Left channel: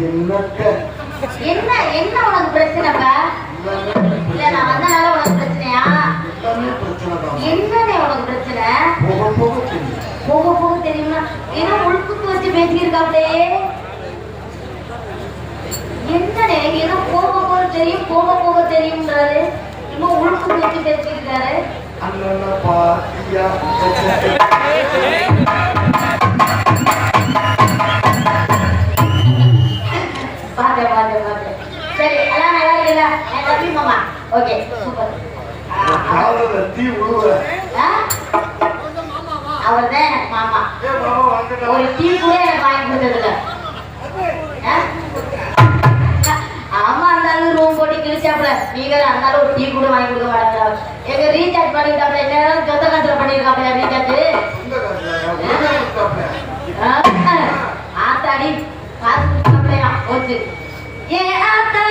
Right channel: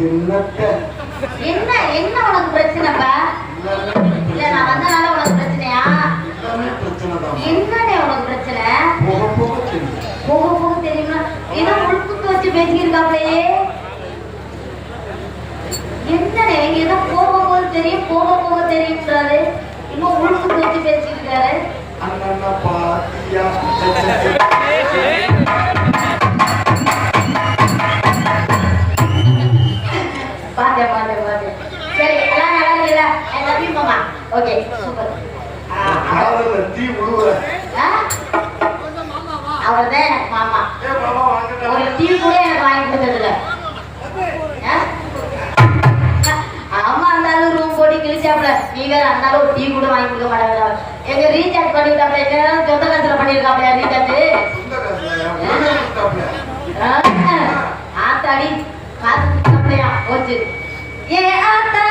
என்ன என்ன உனக்கு பிரச்சனைப்பா? இல்ல நான் வந்தனால உனக்கு பிரச்சனையா? என்னடே உனக்கு பிரச்சனை? போக போக தெரியுமா? ஏதோ உள்குத்து வச்சு பேசியிருக்காப்லையே. என்னடே ஏதோ போக போக தெரியும் போக போக தெரியும்ன்றாரு. இன்னும் உள்குத்து வச்சு பேசியிருக்காரு. சரி எல்லாம் நல்லா இருக்குல்ல? என் தம்பி மாமா. Okay super. அவர்தான் எனக்கு மாமா. ஒரு டீ கூட எனக்கு வாங்கி கொடுத்ததில்ல. ஆமா இருந்தாலும் ரூம் போட்டு கிழிச்சாப்ல. நீங்க இருந்தாலும் ஒரு டீ கூட வாங்கி கொடுக்க மாட்டாங்க. எங்க ரீசார்ஜ் பண்ணிட்டாப்ல. என்ன சொந்த காசுல பண்ணிருக்காப்ல ரீசார்ஜ். ஆத்தாடி காசு கொடுத்தாப்லையா போச்சு. ஏ ஆத்தா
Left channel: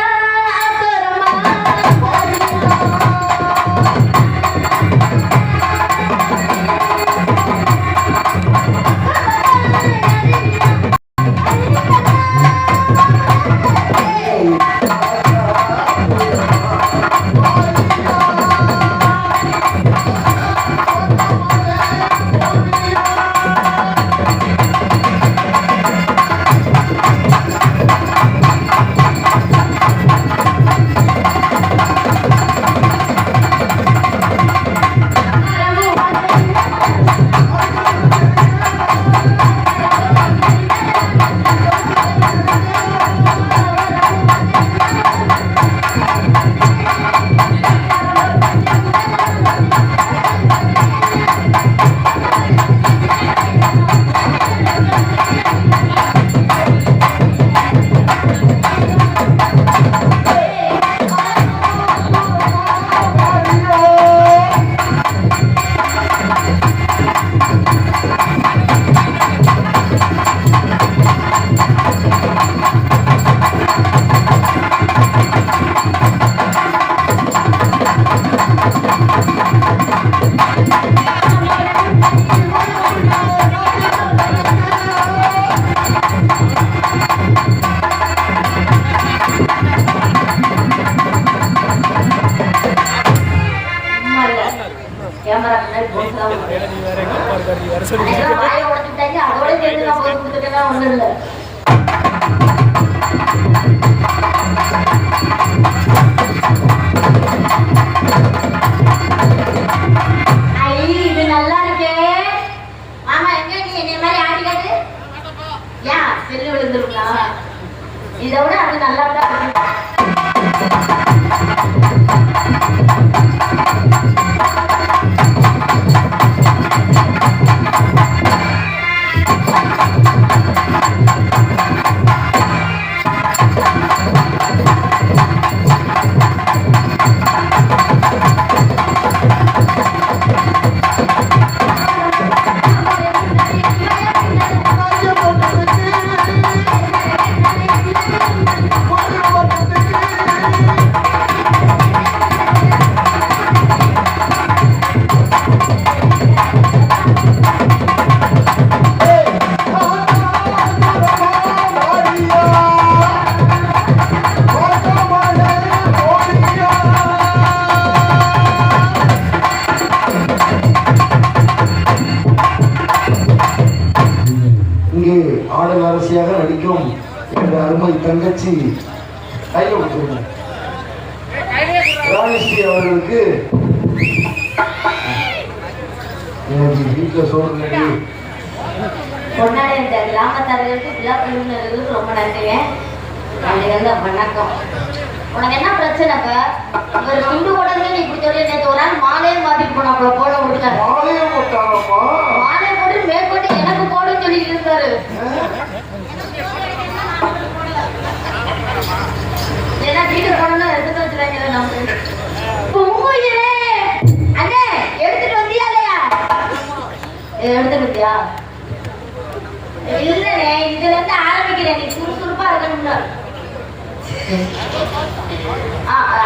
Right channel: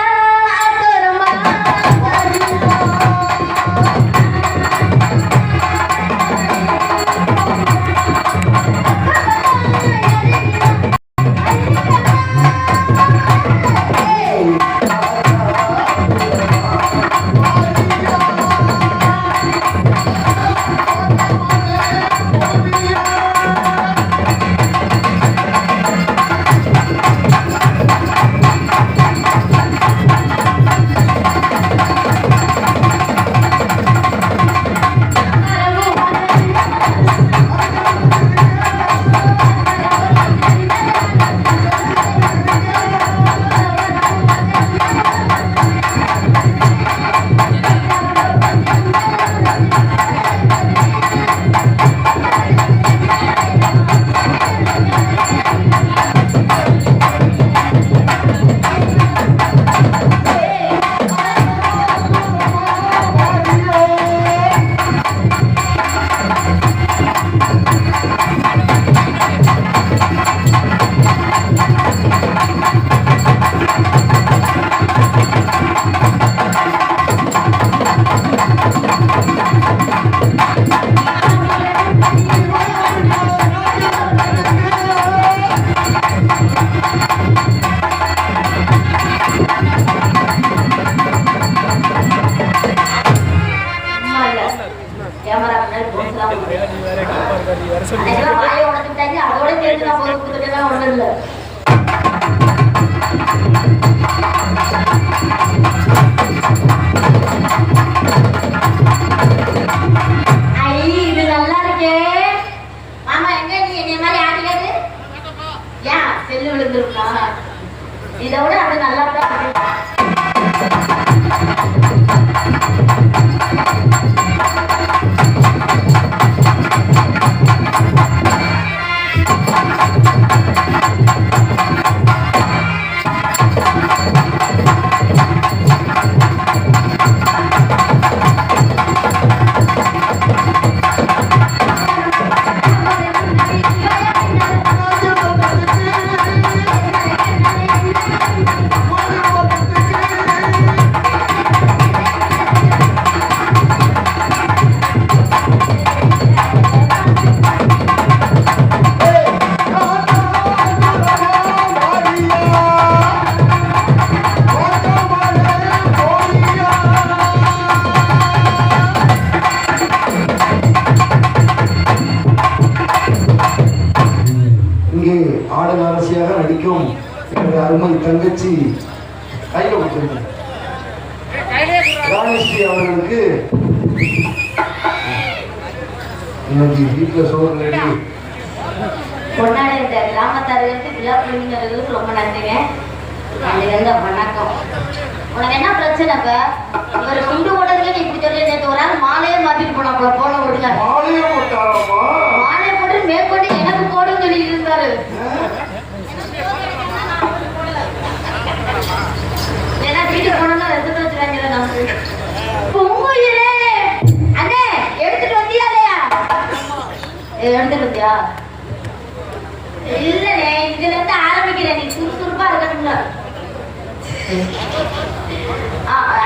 இதோட அது நல்லா தான். அருமை தங்கச்சி கையில் கொடுத்துருங்க ராணிஸ்ரீ அவர்களுக்கு இன்னைக்கு வீட்டில் சோறு கொண்டாடி இந்த கிராமத்தார்களுக்கு விழா குழுவினர்களுக்கு ரொம்ப நன்றிங்க. நாளைக்கு வந்து வணக்கம். உனக்கு என்ன பிரச்சனைப்பா? ஒரு குண்டு போட்டதுக்கு நீ இப்படி சொல்லி நேற்று ஒரு நாள் மாலையே மாத்திட்டு போனாப்புல போன விடுங்க. மாலையை போட்டு மேற்கொண்டு எனக்கு போடுன்னு சொல்லிட்டு இருக்காரு. ஏன்னா வீட்டுக்கு போனோம்னா எடுத்து வச்சுறாங்க. நமக்கு பொங்குயிரே அண்ணே எடுத்துட்டு வந்தியா இல்லையா? எடுத்துட்டு வந்தியா? இல்லைண்ணே, இதுல இருந்து ஆரம்பிக்கிறேன். நீ சுறுசுறுப்பா இருக்கணும்ல.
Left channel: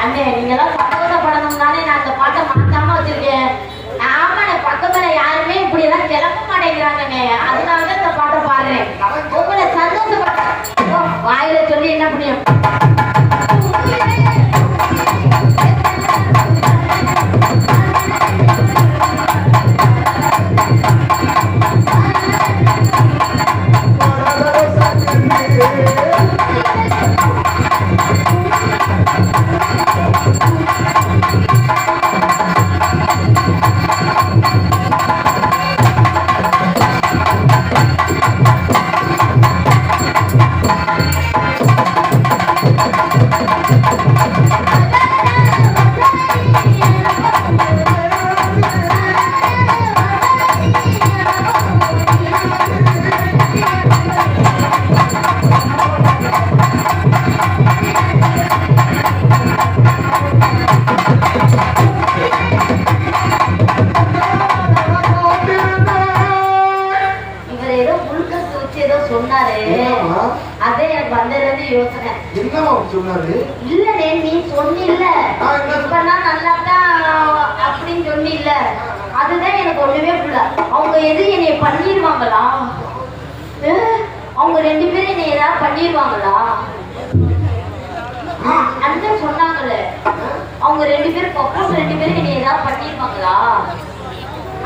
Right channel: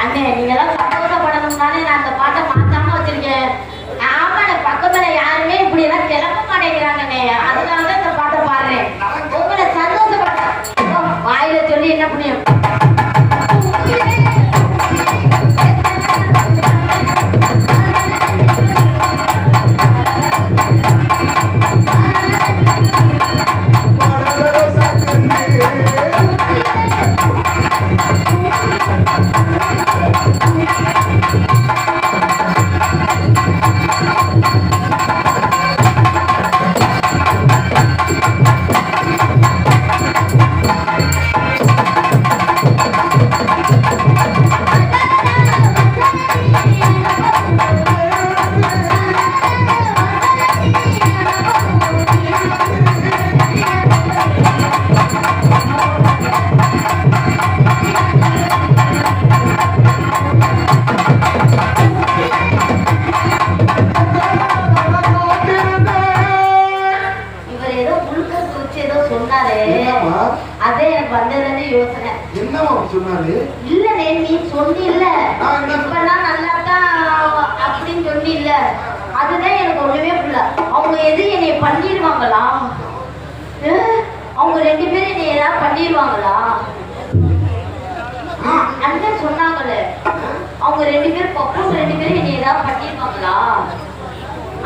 அண்ணே நீங்கெல்லாம் சந்தோஷப்படணும்னாலே நான் அந்த பாட்டை மாத்தாம வச்சிருக்கேன். ஆமா, பக்கத்துல யாருமே இப்படி எல்லாம் கிளம்ப மாட்டேங்கிறாங்கண்ணே. அதனாலதான் இந்த பாட்டை பாடுறேன். உங்களை சந்தோஷப்பட வாயில சொல்லி அதே எனக்கு வந்ததுன்னு யோசனை. என்னவா சொன்னாரு? இல்லனே நீ சொன்னில்ல நான் என்ன இப்பெல்லாம் நல்லா தான் அப்படின்னு சொன்னில்ல, அதுதான் எனக்கு ஒண்ணுமே புரியல. அவங்க எது என்னை பண்ணிடுவாங்களா? அவங்க ரெண்டு பேரும் என்னை ஏதாவது பண்ணிடுவாங்களா? அண்ணன் சொன்னாங்கல்ல அவங்க ரெண்டு பேரும் பப்பும் ரெண்டு பேரும் என்னை ஏதாவது பண்ணிடுவாங்களா?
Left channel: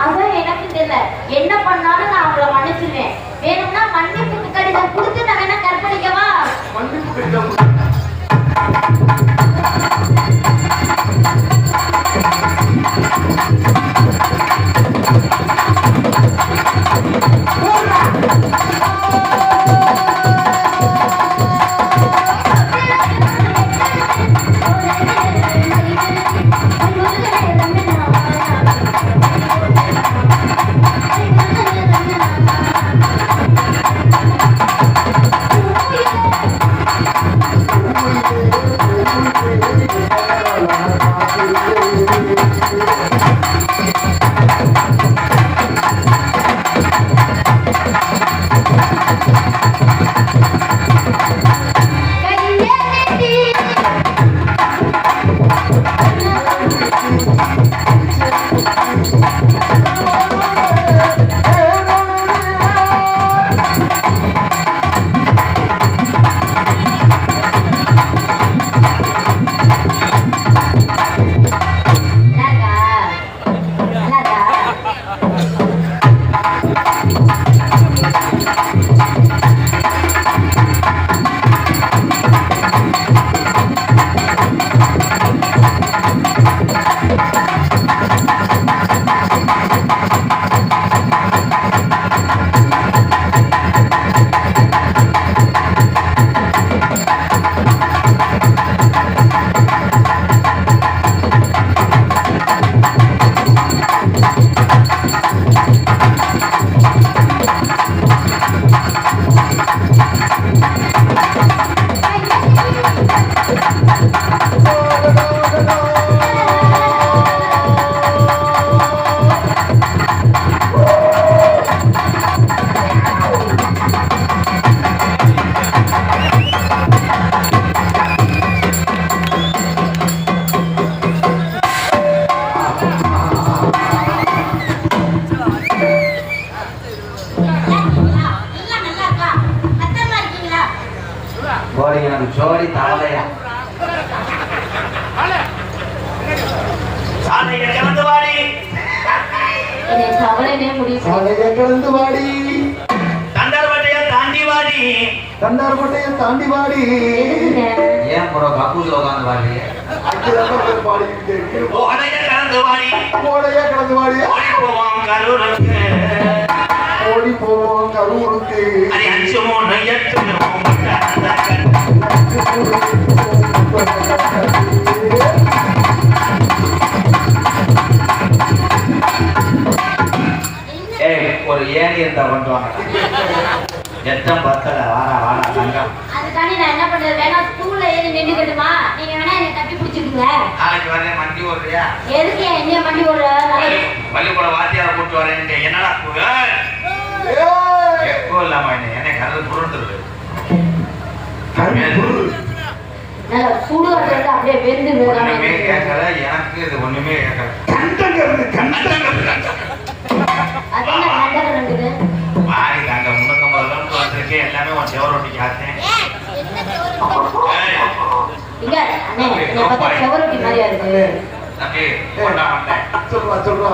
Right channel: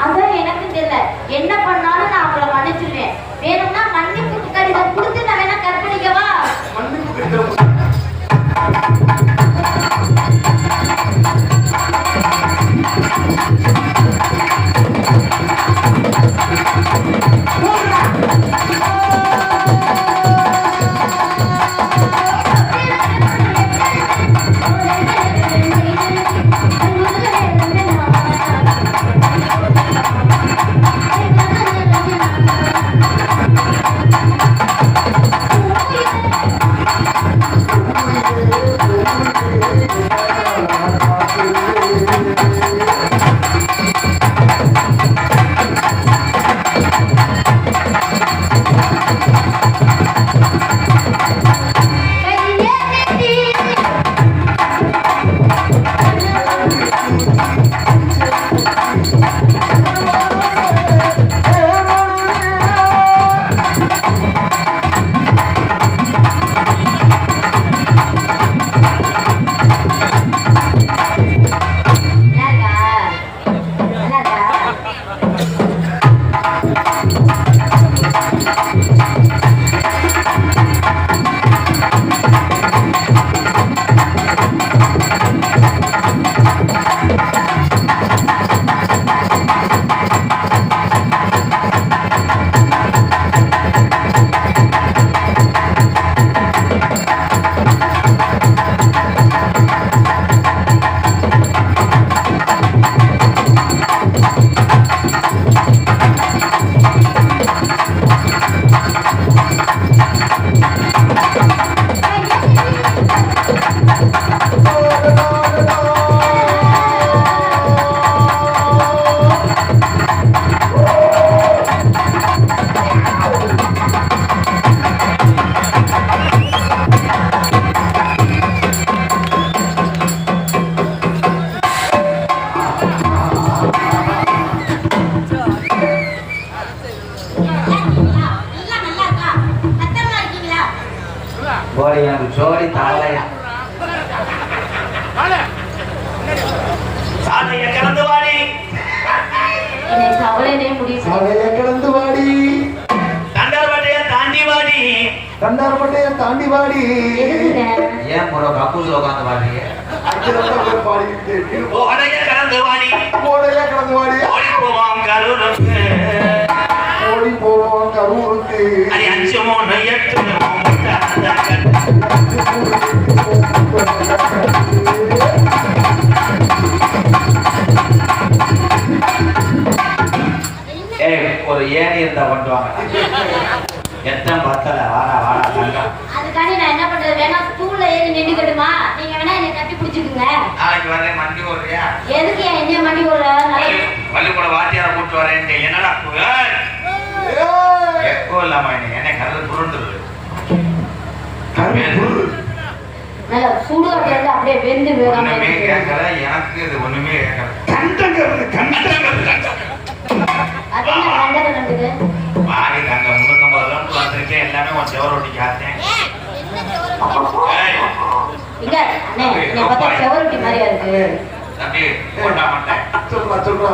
அதான் எனக்கு தெரியல. என்ன பண்ணாலும் நான் அவங்கள மன்னிச்சிருவேன். வேணும்னா மன்னிப்பு கடிதம் கொடுத்து நான் வேணா கற்பழிக்கவா? மன்னிப்பு கடிதம் ஜோடி தாளையா சாலைய கலந்து வாடி அவளே முடியும். சாலைய கிடந்து வாடி, தண்டார்பட்டைய தாண்டி வாடி, தண்டார்பட்டைய தாண்டி வாடி. ஏன் கூட கக்கூஸ்ல உட்காந்து வாடி பாடிக்கிட்டு ஓடைய கலந்து வாடி, ஓடைய கிடந்து வாடி. ஓடி போவான் கரூருக்கு, ஓடி போவோம் கரூருக்கு. அது 5 3 8 ஒரு ஏணி இருந்தா பண்ணுவாங்க. எத்தனை பத்தல வாடா வாடா தங்கம். அதுக்காண்டி நான் என்ன பண்றது? வேணா ஸ்டூல்ல ஏறி நின்னுக்கிட்டுமா? நீங்க வேணா என்னை கட்டி பிடிச்சிக்குங்க. நாளைக்கு வரேன் மண்டி ஓடுறியா? எதுக்கு என்ன மண்டி ஓடுற? பள்ளிக்கூட வாத்தியார கூட்டு வரேன். என்னடா எப்போ இல்லாம என்ன கருது புரண்டுது. நல்லா சுடுகாட்டுல இருந்து அப்படியே வெந்து ஒண்ணுமே கேட்கல. எனக்கு இது ஒண்ணுமே கேட்கல. கண்டங்கிறது அதெல்லாம் கண்டது வாரி தங்க 350 ரூபாய் எல்லாமே உன் செவரொட்டிக்கு ஆத்தேன். இங்க அண்ணே நீ பார்த்தா செவரொட்டி மாதிரியா இருக்கு. தம்பி போட்டா மாட்டேன். சொல்றா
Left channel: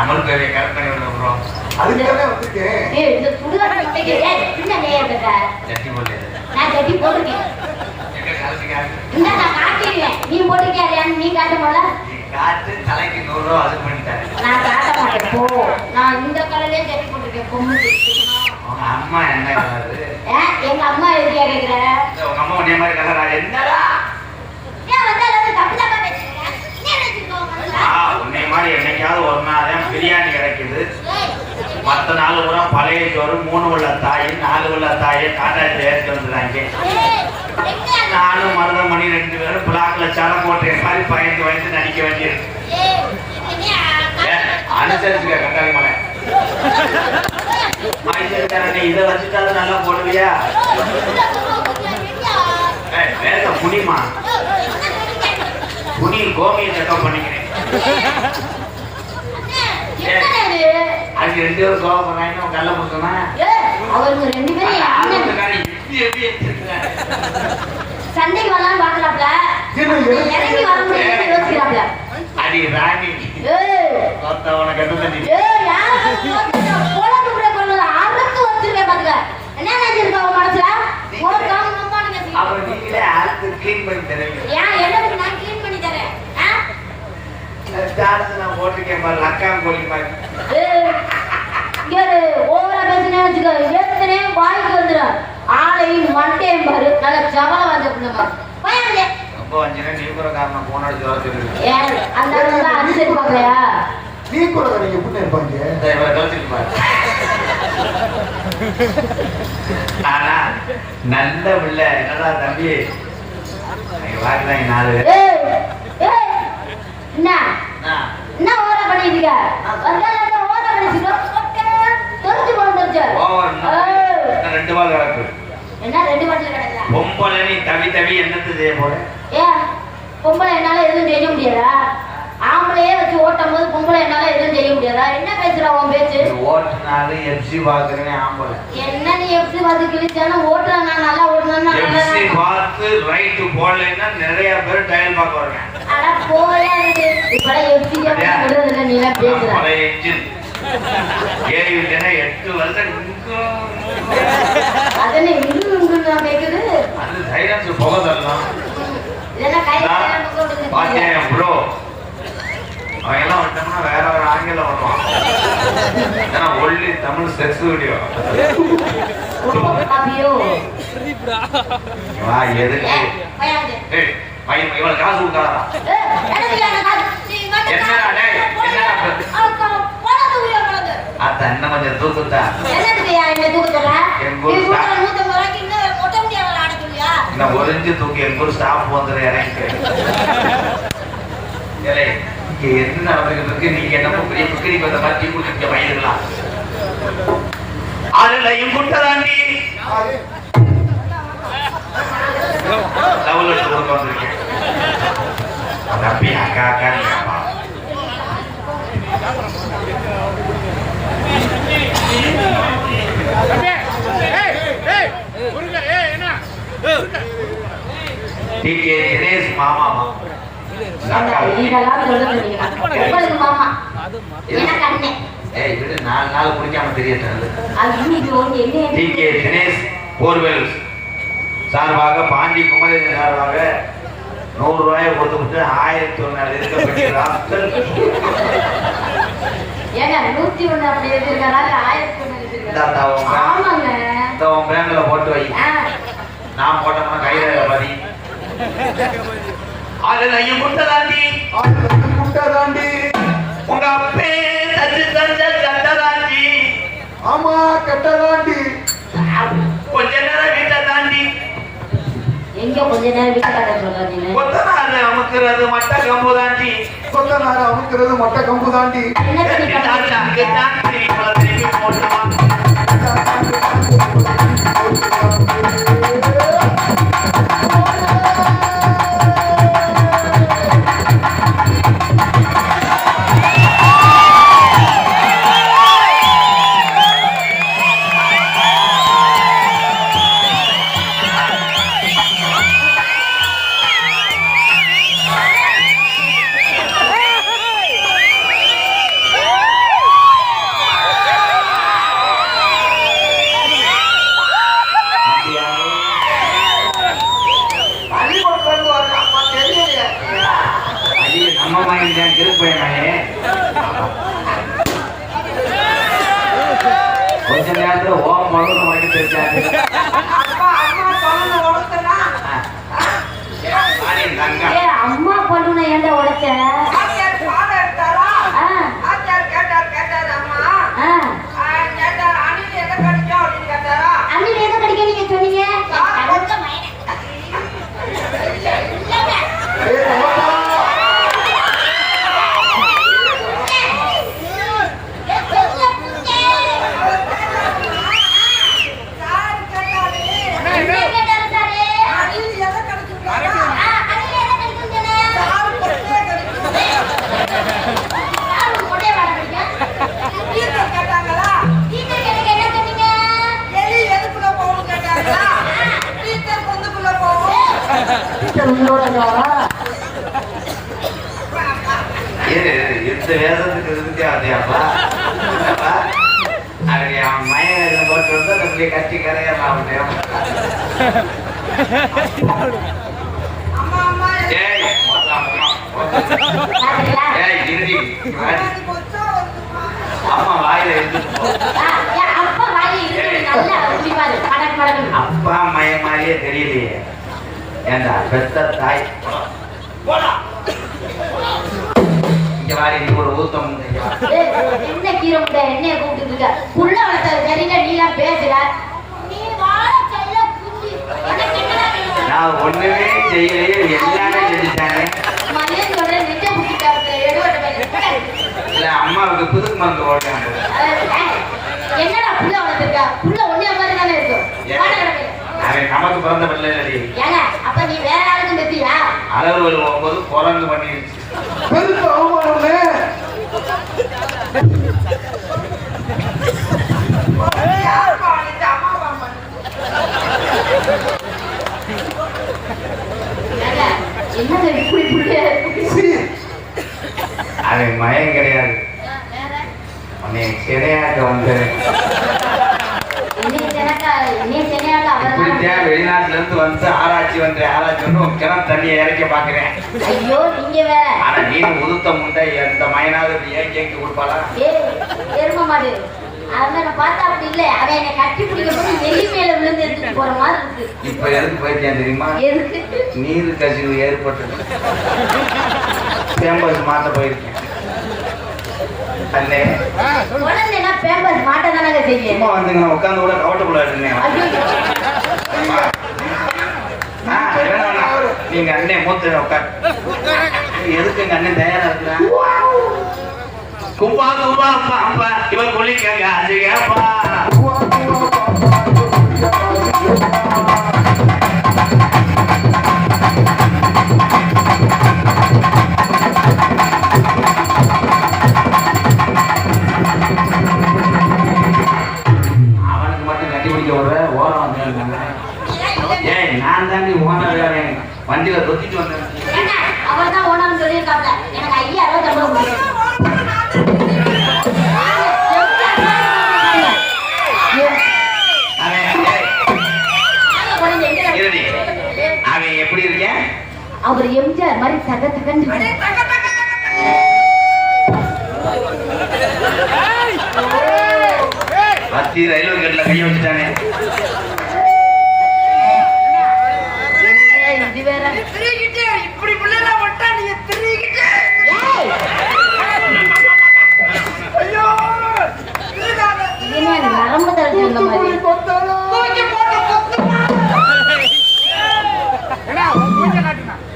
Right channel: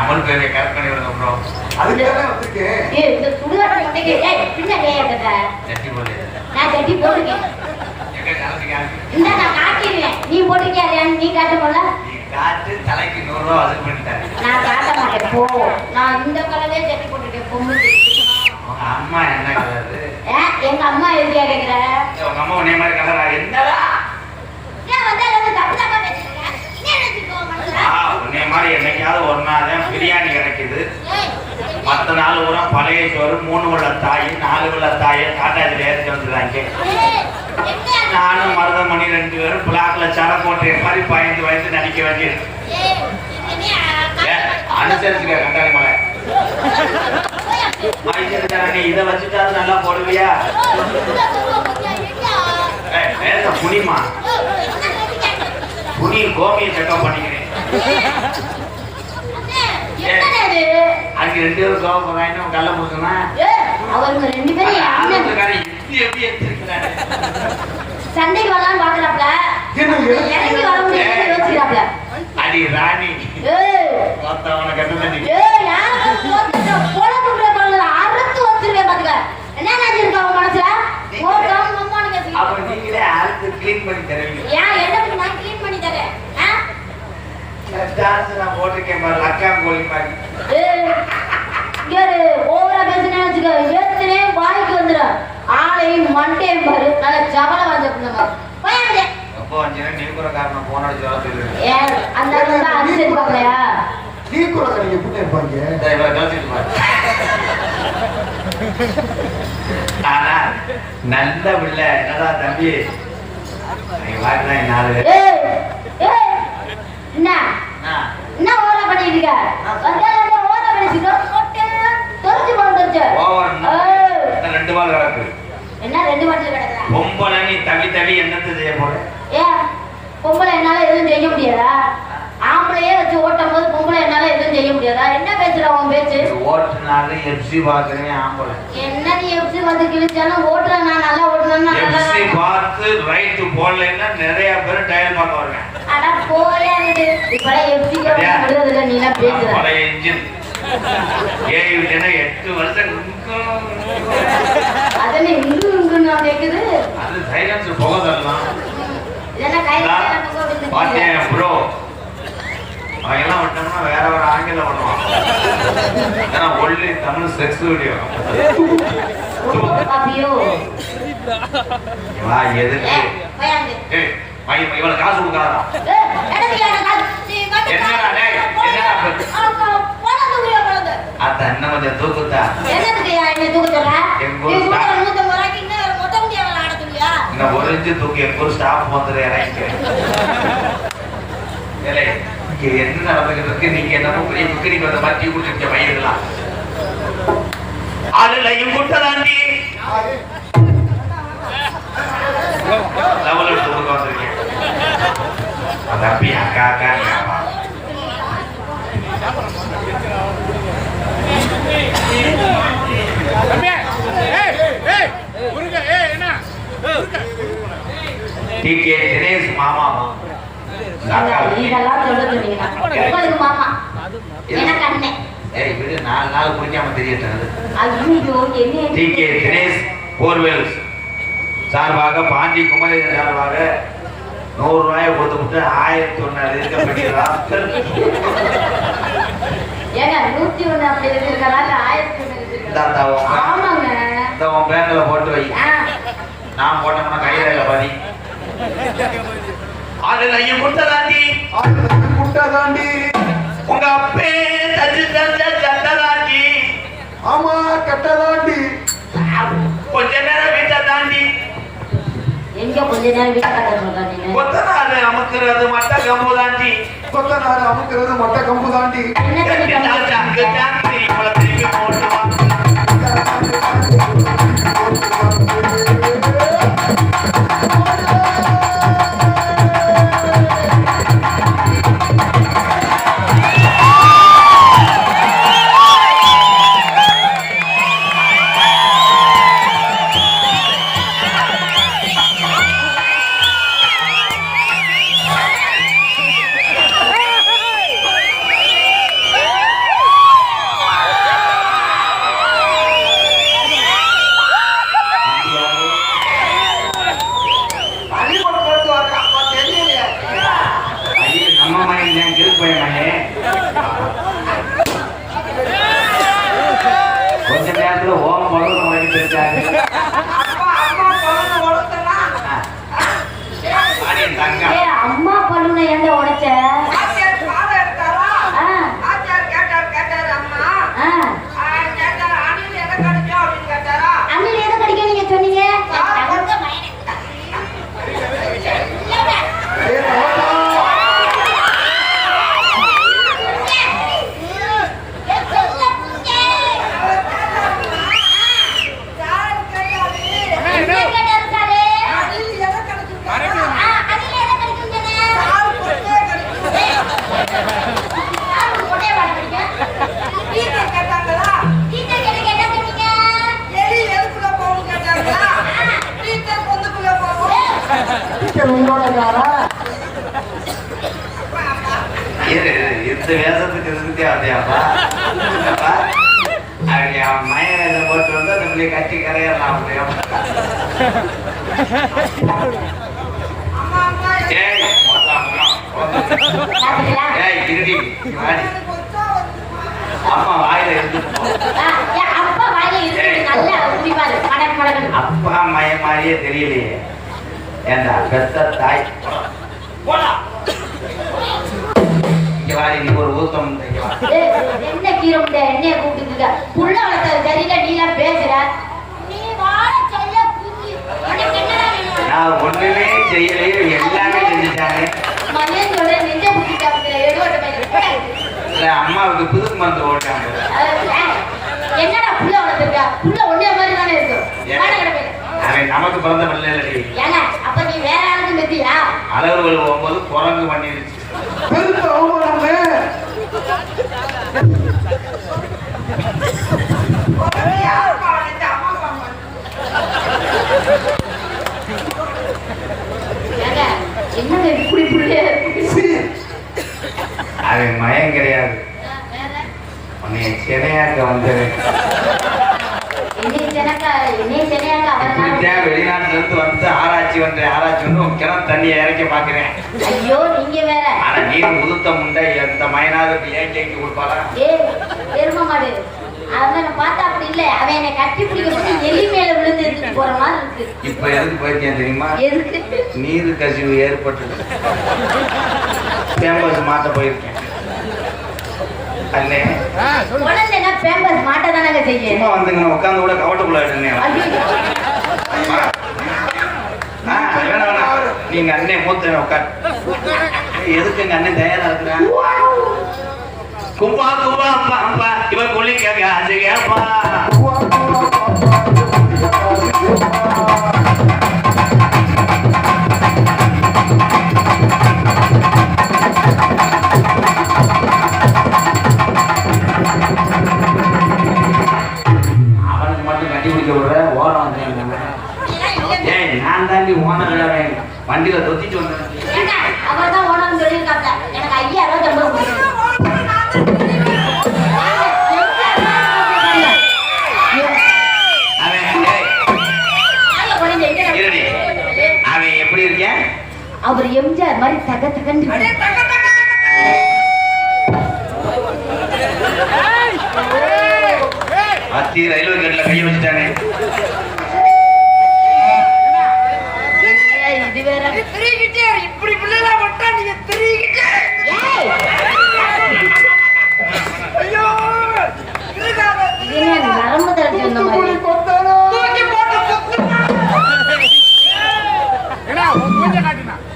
அமல் பேரை கற்பனை பண்ணுறோம். அதுக்காக வந்துருக்கு. ஏய் இந்த சுடுகாட்டு முட்டைக்கு ஏய் பின்னாடி ஏறட்ட ஜட்டி போடல. நான் ஜட்டி போடுறேன். எங்க காசுக்காக இந்த நான் காட்டிடுவேன். நீ போடுறியா இல்லையான்னு நீ காட்டணும்ல. நீ காட்டு தலைக்கு 100 ரூபா அது பண்ணிட்டாரு. நான் காட்ட மாட்டேன் போ. நான் இந்த கலர்லயே ஜட்டி போட்டுருக்கேன். பொண்ணு உங்க அம்மா என்ன கலரு? எங்க அம்மா எதுக்கு கேட்கிற? உங்க அம்மா உன்னைய மாதிரி கலரா? என்னடா ஏன் வந்து அதை தப்பு தப்பா பேசுறீங்க? என்ன நினைச்சுக்கோ மனசுல? உன்னைய மாதிரி என்னைக்காவது ஒரு நாள் தான் பிரியாணி கிடைக்குது. 10 நாள் பூரா பழைய சோறு 3 உள்ள தாய் 4 உள்ள தாயை காட்டாஜில் ஏற்றி வந்துடுறாங்க. நானும் மருதமணி 2 பேரும் பிளாக்ல சரம் போட்டு மாதிரி பயந்து வயசு நடிக்க வேண்டியது. அனுசரிச்சுக்க கட்டாளி மலை மைசூர்காரனே இதை வச்சுட்டாலும் நல்லா போடுவியா? வேற புனிமா புனி கோமியை செக்அப் பண்ணிக்கிறேன். அதுக்கு 2 பேரும் சோகம் பண்ணாங்க. கல்ல முத்துனா அவங்க 2 பேரும் எப்படி எடுத்துருக்காங்க? சண்டைக்கு வரலாம்னு பாக்குறாப்ல. என்ன இறங்கி வர முடியாது யோசிக்கிறாப்ல. அடி ராணி பார்த்தா உனக்கு என்ன தெரியும்? அறுத்து வச்சிருக்கேன் பாத்துக்க. என்ன நினைச்சிருக்க அவன் மனசுல? அவன் நீங்களே ஆளுக்கு கிளீன் பண்ணி தருவீங்க. ஏன் என்னத்துக்கு நான் கிளீன் பண்ணி தரேன்? டான்ஸ் நான் போட்டிருக்கேன் பாரு, லக்கா கோழி மாதிரி. ஓவரா பேசினே வச்சுக்க, ஏத்துனே வாய்க்கு வந்துடும். ஆளையும் மண்டையும் பாரு, நல்ல ஜவல வந்த பிள்ளைங்க. ரொம்ப வந்தீங்கன்னா நீ கூட காரணம் போனோட ஜோதிருக்கு. ஏன் அந்த அனுசரிச்சு பாக்கலையா? நீ கூட நீங்க எப்படி இருப்பாங்க? இவரை கழிச்சிட்டு பாரு. ஆனா நல்ல பிள்ளை என்னடா தம்பி வாக்கலாம் 4 என்ன ஓவரா பண்ணிட்டு இருக்க? ஓவரா பண்ணிட்டு தெரிஞ்சு போச்சு. 2 வாரம் கிடக்கு. என்ன 2 வாரத்துல கிடக்குறா? பொம்பளை நீ தவி தவி என்னத்தை செய்ய போற? ஏன் பொம்பளை என்னால எதுவும் செய்ய முடியாதா? ஆம்பளையே வச்சு ஓட்டும் போது பொம்பளை என்னால எதுவும் செய்ய முடியாதா? என்ன பேசுற உன் பேச்சு? ஓட்டுனாலும் எஃப்சி பாக்குறேன் ஆம்பளை. என்ன நீ எஃப்சி பார்த்து கிழிச்சாலும் ஓட்டுற நான் நல்லா ஓட்டுறேன்னா எஃப்சி பார்த்து ரைட் போடலைன்னா நிறைய பேர் டயல் பார்க்க வருவேன். அட போகலையா இருக்கு. இப்பெல்லாம் எஃப்சி விடுறதுல நீ எல்லாம் பேசுற. பழைய இன்ஜின் ஏறி விட்டேன்னா 8 வருஷம் அதனை இன்னும் நான் கேக்குது. அது சைலன்ஸ் போக தரலாம். இதெல்லாம் கையில பாத்தியா ப்ரோ, அவன் எல்லாம் விட்டோம்னா வேற ஒரு ஆங்கில பண்ணுவான். ஏன்னா ஒன்லி தமிழ் செக்ஸ் வீடியோ. அப்படியோ வா எதுக்கு இவன் காசு கொடுக்காதா? என்னடா டேய், என்னடா அத என்ன கொஞ்சம் தூக்குதா? இந்த ஒரு இன்ச்சு தூக்கி எங்க ஸ்டாப் வந்துற இறங்கிக்க. இங்க என்ன நடந்துருக்கு? நீங்க என்னமோ பெரிய புக்கிரி பத மாத்தி கொடுக்க வயிறுலாம் அதுலயும் குட்டதாண்டி லெவல் எடுத்து கொடுக்க வந்திருக்கேன். தம்பி அக்கா அக்கா டிகே தினேஷ் மாமா இதெல்லாம் சொல்லுங்க நீங்க. உங்களுக்கு மாமா எனக்கு அண்ணன். ஏய் விடு, 4 நாள் குடிக்காம தெரியறது. ஐயோ என்ன டிகே தினேஷ் போர்வெல் சார்பாக பாண்டி குமரேசன் சார்பாக 100 ரூபாயை கொடுத்துட்டு 1001 இருக்கப்பட்டிருக்கிறார். ஏங்க 101 அப்படி வச்சிருக்காங்க, 1001 வச்சிருக்காங்க. ஆமாங்க. இந்த உன் பேங்க்ல போட்டு வை. நான் போட்டோம்னா கையில பாதி. அது நான் குட்டதாண்டி குட்டதாண்டி உங்க அப்பே தச்சு தந்த சட்டதாண்டி. ஆமா கட்டதாண்டி. கொஞ்ச நேரம் வீட்டை தாண்டி எங்க கொஞ்ச நேரம் வீட்டை கட்ட சொல்றாங்க. கொத்த நாள் அமுக்குறது மட்டை கம்பு தாண்டி. கொத்த நாள் அமுக்குறது மொட்டை கம்பு தாண்டி. என்ன அங்கே தாண்டி திருப்பி போட்டுருவான். கொஞ்ச நேரத்துல ஓம் பழம் உனக்கு தெரிஞ்சாரு. அம்மா பண்ணுன ஏன்டா உடைச்ச? அண்ணில் எதை கடிக்க நீங்க சொன்னீங்க? இந்த வேதத்துக்கு இருந்தே அதேப்பா அவன் மயனை போட்டு வந்து நம்மளுடைய கட்டி கரையலாம் அம்மா வாயில அப்பா மய மாதிரியே தெரியலையே ஏண்டா பெத்த தாய் இங்க வாடி நீ ஒரு ஊக்கம் என்ன கீரை முட்டை என்னைய கூப்பிட்டு இருக்க புள்ள வளர்த்தது தெரியல நீலாம் பேசுற நீ வாழ செல்ல குஞ்சி உனக்கு என்னடா வேணும் நான் ஒண்ணுமே செய்யலையே எல்லாமே செஞ்சுட்டாங்க மகேந்திரோட நெஞ்ச புடிச்சிட்டாங்க எடுவட்ட பையன் இல்ல அம்மாவுக்கு புது மருந்து ஓட்டாங்க என்னடா புள்ள வளர்த்திருக்க புள்ள ஒண்ணே மாதிரி தானே இருக்கும் அவன் நமக்கு பிறந்த பிள்ளை இல்லடி ஏங்க அப்ப நீ வேற யாருக்கும் பெத்தியா அளவுகள் போகும்போது குரங்கு பண்ணிடுச்சு பெருத்த அவமானமே என்னது இப்படி புள்ளையா இருக்கு அவன் மயம் கிடையாது வேற உன்னை சிறையாக்க வந்து இப்படித்தான் வெளிநாட்டுல இருந்து வந்து ஆராய்ச்சி கிணம் தண்ணியை இறக்க பாக்குறேன் ஐயோ நீங்க வேற ஆனா நீர் உதுத்த முண்டை எந்த மயனாவது ஏன் கேக்கு கொடுப்பாளா எரும மாடு அவனை பார்த்தா அப்படி இல்ல அவன் என்னை கட்டி பிடிக்கும் எலி மேல விழுந்து எடுத்துட்டு போற மாதிரி இருக்கு இப்ப எதுக்கு போயிருக்கேன் தெரியுமா எதுக்கு நீர் கசிவு ஏற்பட்டது பேம்பஸ் மாத்த போயிருக்கேன் அண்ணே உடனே பேம்பஸ் மாட்ட தானங்க செய்ய சும்மா வந்துங்க உட்காந்து கூட கவட்டக்குள்ள எடுத்தேன் நீங்க அண்ணே மூத்த உட்கார் எதுக்கு எங்க அண்ணன் தயாரா இருக்கிறான் கும்பா கும்பா அப்பா அப்பா இவன் கொல்லிக்காங்க அது கேப்பா அவனுக்கு மட்டும் கட்டி பிடிக்க விடுற ஓரம் ஏய் நான் தாண்டி ஓனர் வண்டியில தொத்திட்டு வந்தேன் அவர்தான் ஓனர்னு சொல்லியிருக்காங்க எனக்கு 5000 சம்பளம் அவன் எப்படி இருக்கேன் அவர் எம்ஜிஆர் மாதிரி தகத்துக்கன்னு அத்தி ரயில்வே கேட்ல கைய வச்சுட்டானே இது வேற இப்படி பிள்ளைல விட்டா நீங்க தெரியுகிட்டே ஐயோ நரம்பு தளர்ச்சி வந்த மாதிரி தூக்கி போட்டு சுத்தி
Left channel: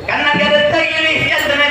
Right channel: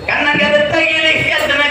கண்ணகரத்தையிலே எத்தனை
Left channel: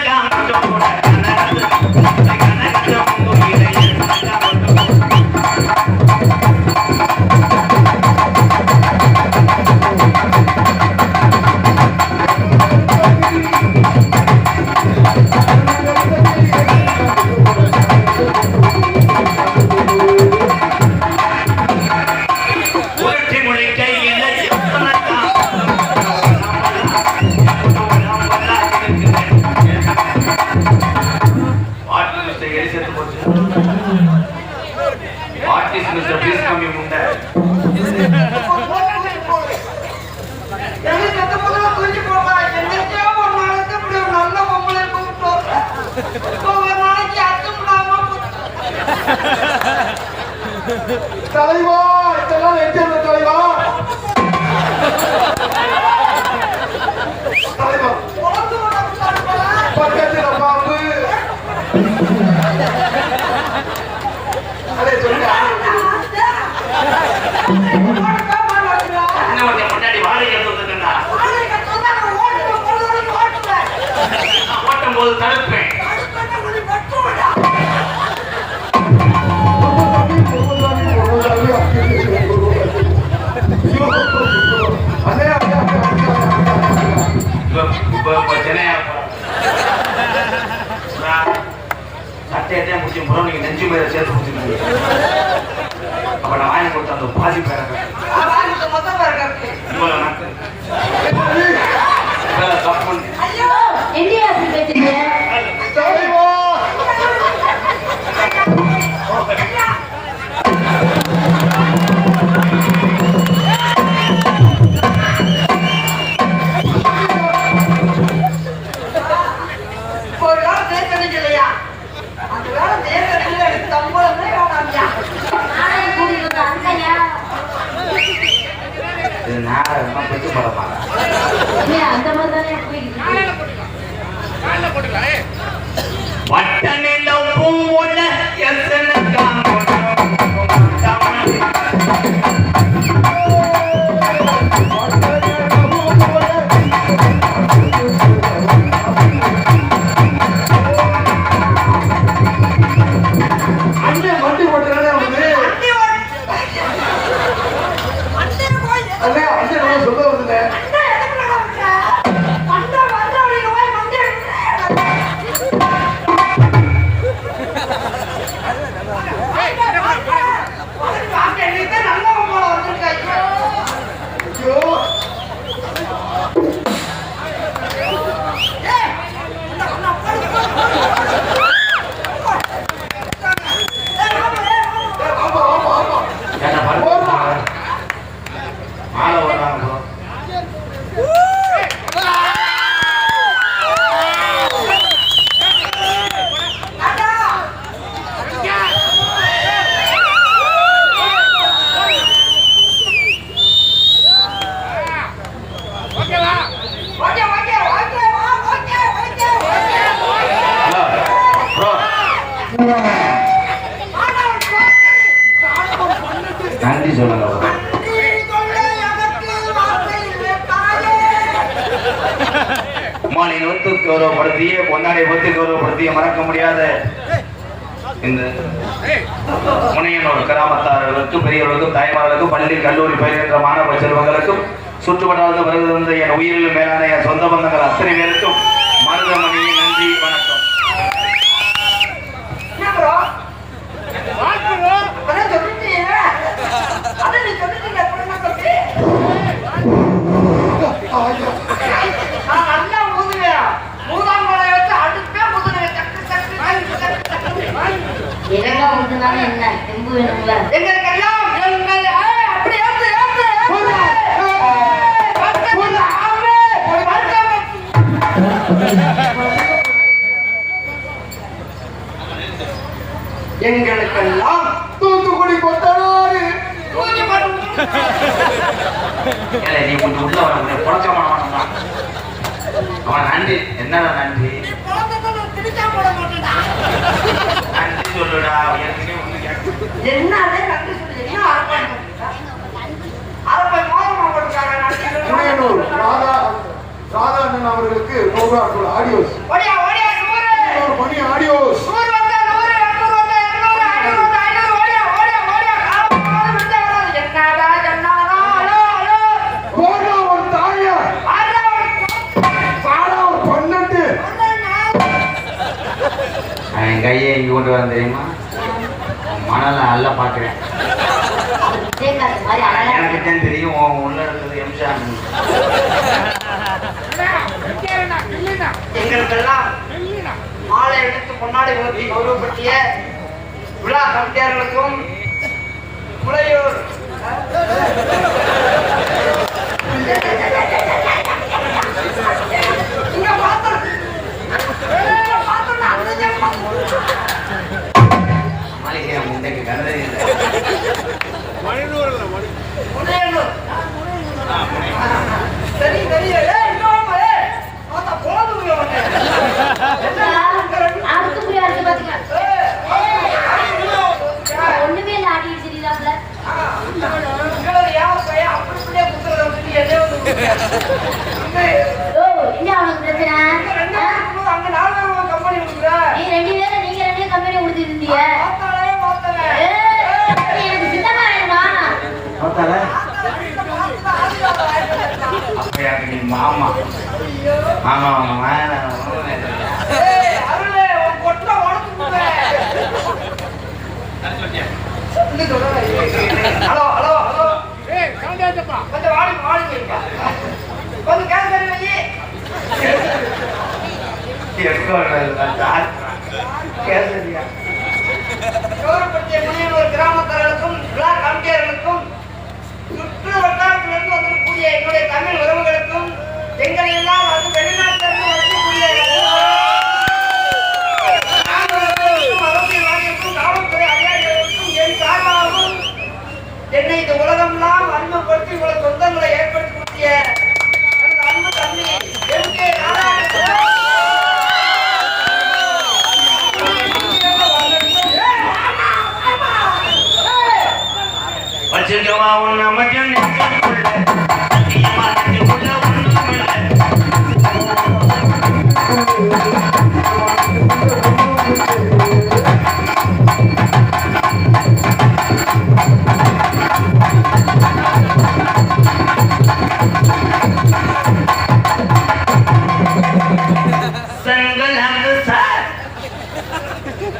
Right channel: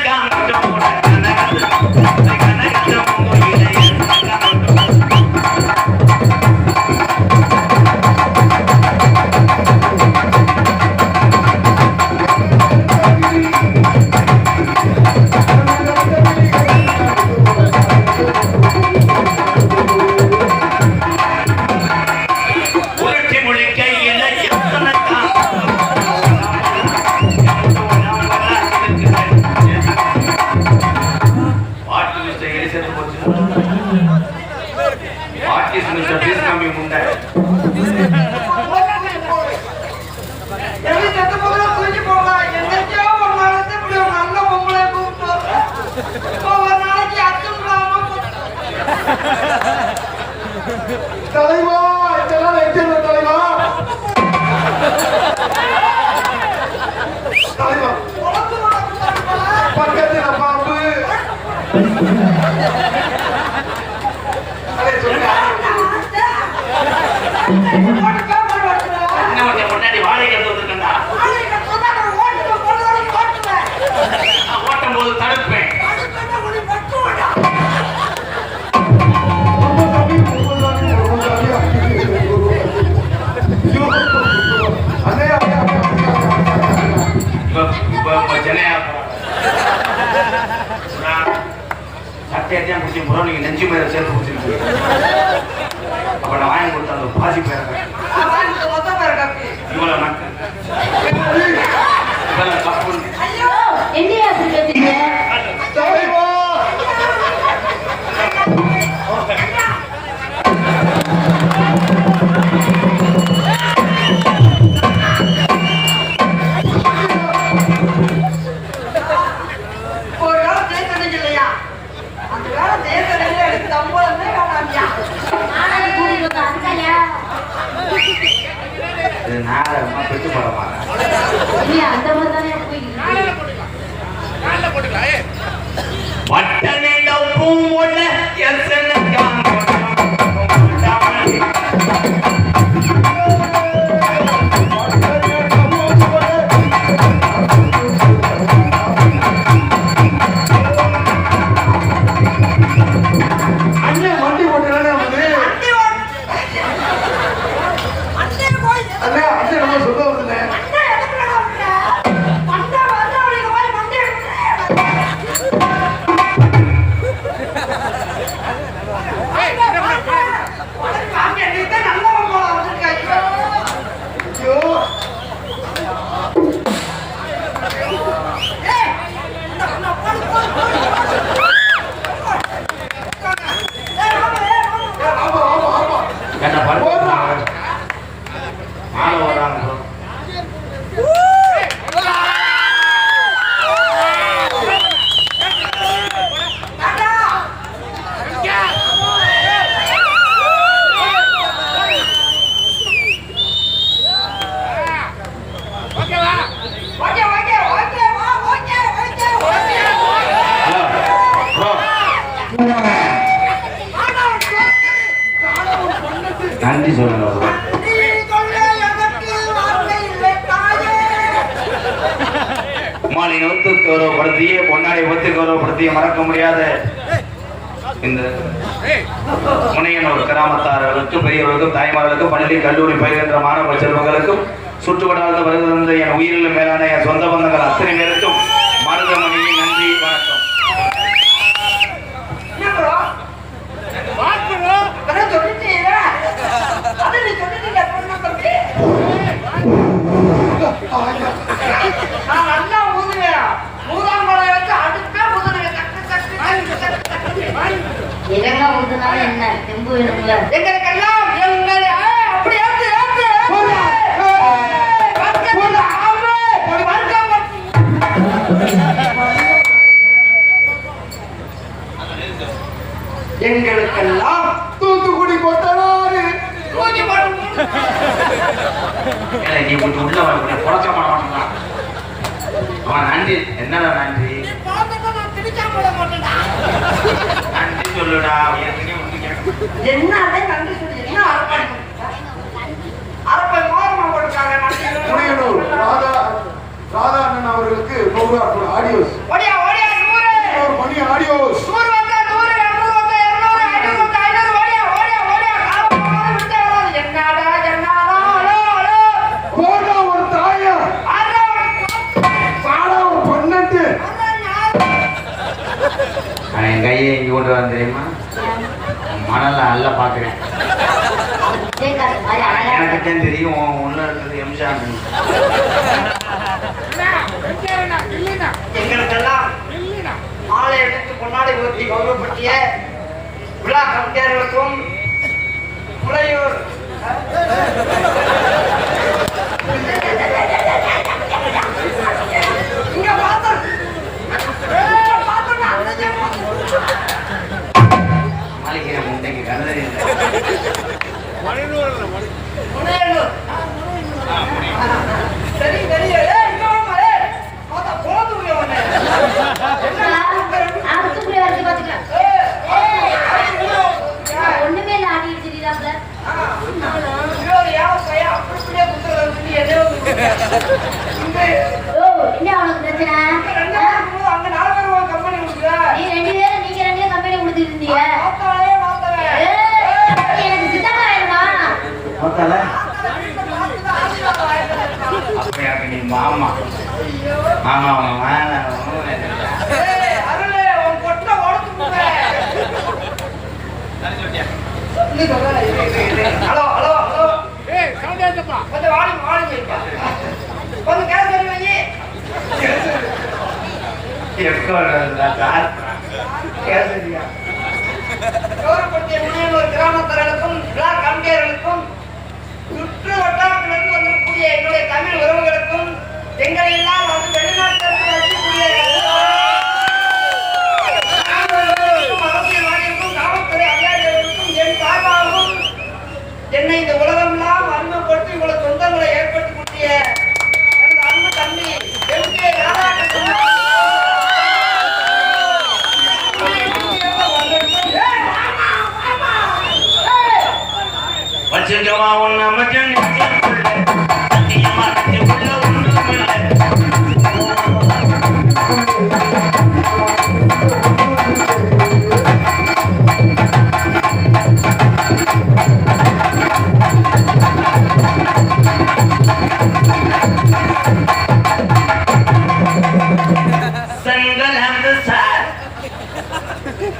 தலைவா இதெல்லாம் வைக்கல தலைவா தலைவா பக்கத்துல பாம்பு அரே சொல்லுங்க முன்னாடி வாடகை எடுத்துருக்கா ஓட்டும் போது தடுப்பேன் சட்டையத்தையும் பிடிச்சி முறை நீங்க நெஞ்சு மேல சேர்த்து பிடிச்சிருக்கீங்க அப்ப நான் வாங்கி கொடுத்த அந்த பாதி பேர இவ்வளவு என்னையா அப்படி பேசுறீங்க? தலைவா ஒரு வேளை தேய்க்கிறது இல்லையா? அந்த வேளை தேய்க்கிறதுல எனக்கு சம்பளமே வேணாம்யா. ஆனா கூறியிருக்க அந்தாயா? இது நாடகமா பெற்று போட மாட்டேன். இல்லையா, அந்த மாதிரி தானே போயிட்டு வட்ட நிலம் பூவுள்ள எத்தனை அண்ணன் வண்டி ஓட்டுறானே அவனு. வண்டி ஓட்டு. அண்ணன் போய் அண்ணே, அண்ணன் நம்ம சொல்ல வருதுல்ல. அண்ணன் எதுக்குள்ள காமிக்கிற? அண்ணன் வந்தவனுக்கு போய் வண்டி ஐயோ, ஆமா ஆமா ஆமா. என்ன பண்ணுறாங்க மாலை வர்றாங்க நன்றி சொல்லுங்க மாலை ஒத்து கௌரவப்படுத்திய பொன்னாடை ஒத்து கௌரவப்படுத்திய மறக்க முடியாத இந்த முனையனோட கிராமத்தார்களுக்கும் பெரியவர்களுக்கும் தாய்மார்களுக்கும் பள்ளி கல்லூரி பயிர்கின்ற மாணவ செல்வங்களுக்கும் சுற்றுவட்டாரத்தில் வருகின்ற என் உயிரிலும் மேலான என் சொந்த பந்தங்கள் அத்தனை பேருக்கும் மருதமணியின் நன்றி வணக்கம். இதெல்லாம் வந்ததுனால என்ன தெம்பு வேணும்ல? எங்களுக்கெல்லாம் தூத்துக்குடி கொத்தனாரு. ஏலே, நீ கொஞ்சம் உள்ள வர குறைச்ச மாட்டா அவன் நன்றி என்னடா நன்றி நன்றி சொல்லுடா ஏற்கனவே ஒண்ணு கேட்க என்னதே நன்றி சொல்றீங்க? அரப்பை மாதமா கொடுத்தாங்க முனையனூர் ராதா அண்ணன் அவர்களுக்கு 100 ரூபாய் ஆடியோஸ். ஓடியா ஓடியா 100 மணி ஆடியோஸ். 100 வந்தா 100 200 வந்தா 200 500 வந்தா 500 ஓடியா ஓடியா ஓடியா என்னடா என்னடா ஹலோ ஹலோ போடா ஒரு தாயா, ஆடா பாடா ஒரு 12. நான் என் கையை இங்க கொண்டு வர தெரியுமா மணல அல்ல பாக்குறேன் விஜயகாந்த் மாதிரி அழகா எனக்கு தான் தெரியும் உள்ள இருக்கிறது எம்ஜிஆர் எங்களுக்கெல்லாம் மாலை எடுத்து பொன்னாடை ஊற்றி கௌரவப்படுத்திய விழா கமிட்டியாளர்களுக்கும் முளையூர் இங்க பார்த்தோம். இங்க பார்த்தோம். மாளிகை முண்டைக்கு கண்டது முனையனூர். சரி சரி ஏய் இங்க வாங்க ஏய் பார்த்தா போதுங்க அடுத்து போய் வந்து பாத்துக்கலாம். ஒண்ணுமே இல்ல, ஆடி அடிச்சிருக்காப்ல. ஓ, என்ன அவனுக்கு பிரச்சனை? நீங்க ரெண்டு பேரும் கம்பெனி கொடுத்துட்டு இருந்தீங்க. எனக்கு சித்தமா ஆயிடுமா? மாமா மாமா ஹலோ ஹலோ ஹலோ கொஞ்சம் வாடி வாடி கொஞ்சம் கேஸ் கௌரவப்படுத்திய முனையோர் கிராமத்தார்களுக்கும் விழா கமிட்டியர்களுக்கும் சுற்று வட்டாரத்திலிருந்து வந்திருக்கக்கூடிய என்னுடைய தமிழ் உறவுகளுக்கும் எங்களை எல்லாம் வந்து வெளிநாட்டிலிருந்து வரக்கூடிய அரசியல்வாதிகளுக்கும் காவல்துறை அதிகாரிகளுக்கும் என் சார்பாகவும் என்னை இந்த உலகமெல்லாம் அறிமுகப்படுத்தி இவ்வளவு சொந்தங்களை ஏற்படுத்தக்கூடிய எனது அன்பு தம்பி எம்.கே. ராதாகிருஷ்ணன் வச்சுக்கவா உன்னை மட்டும்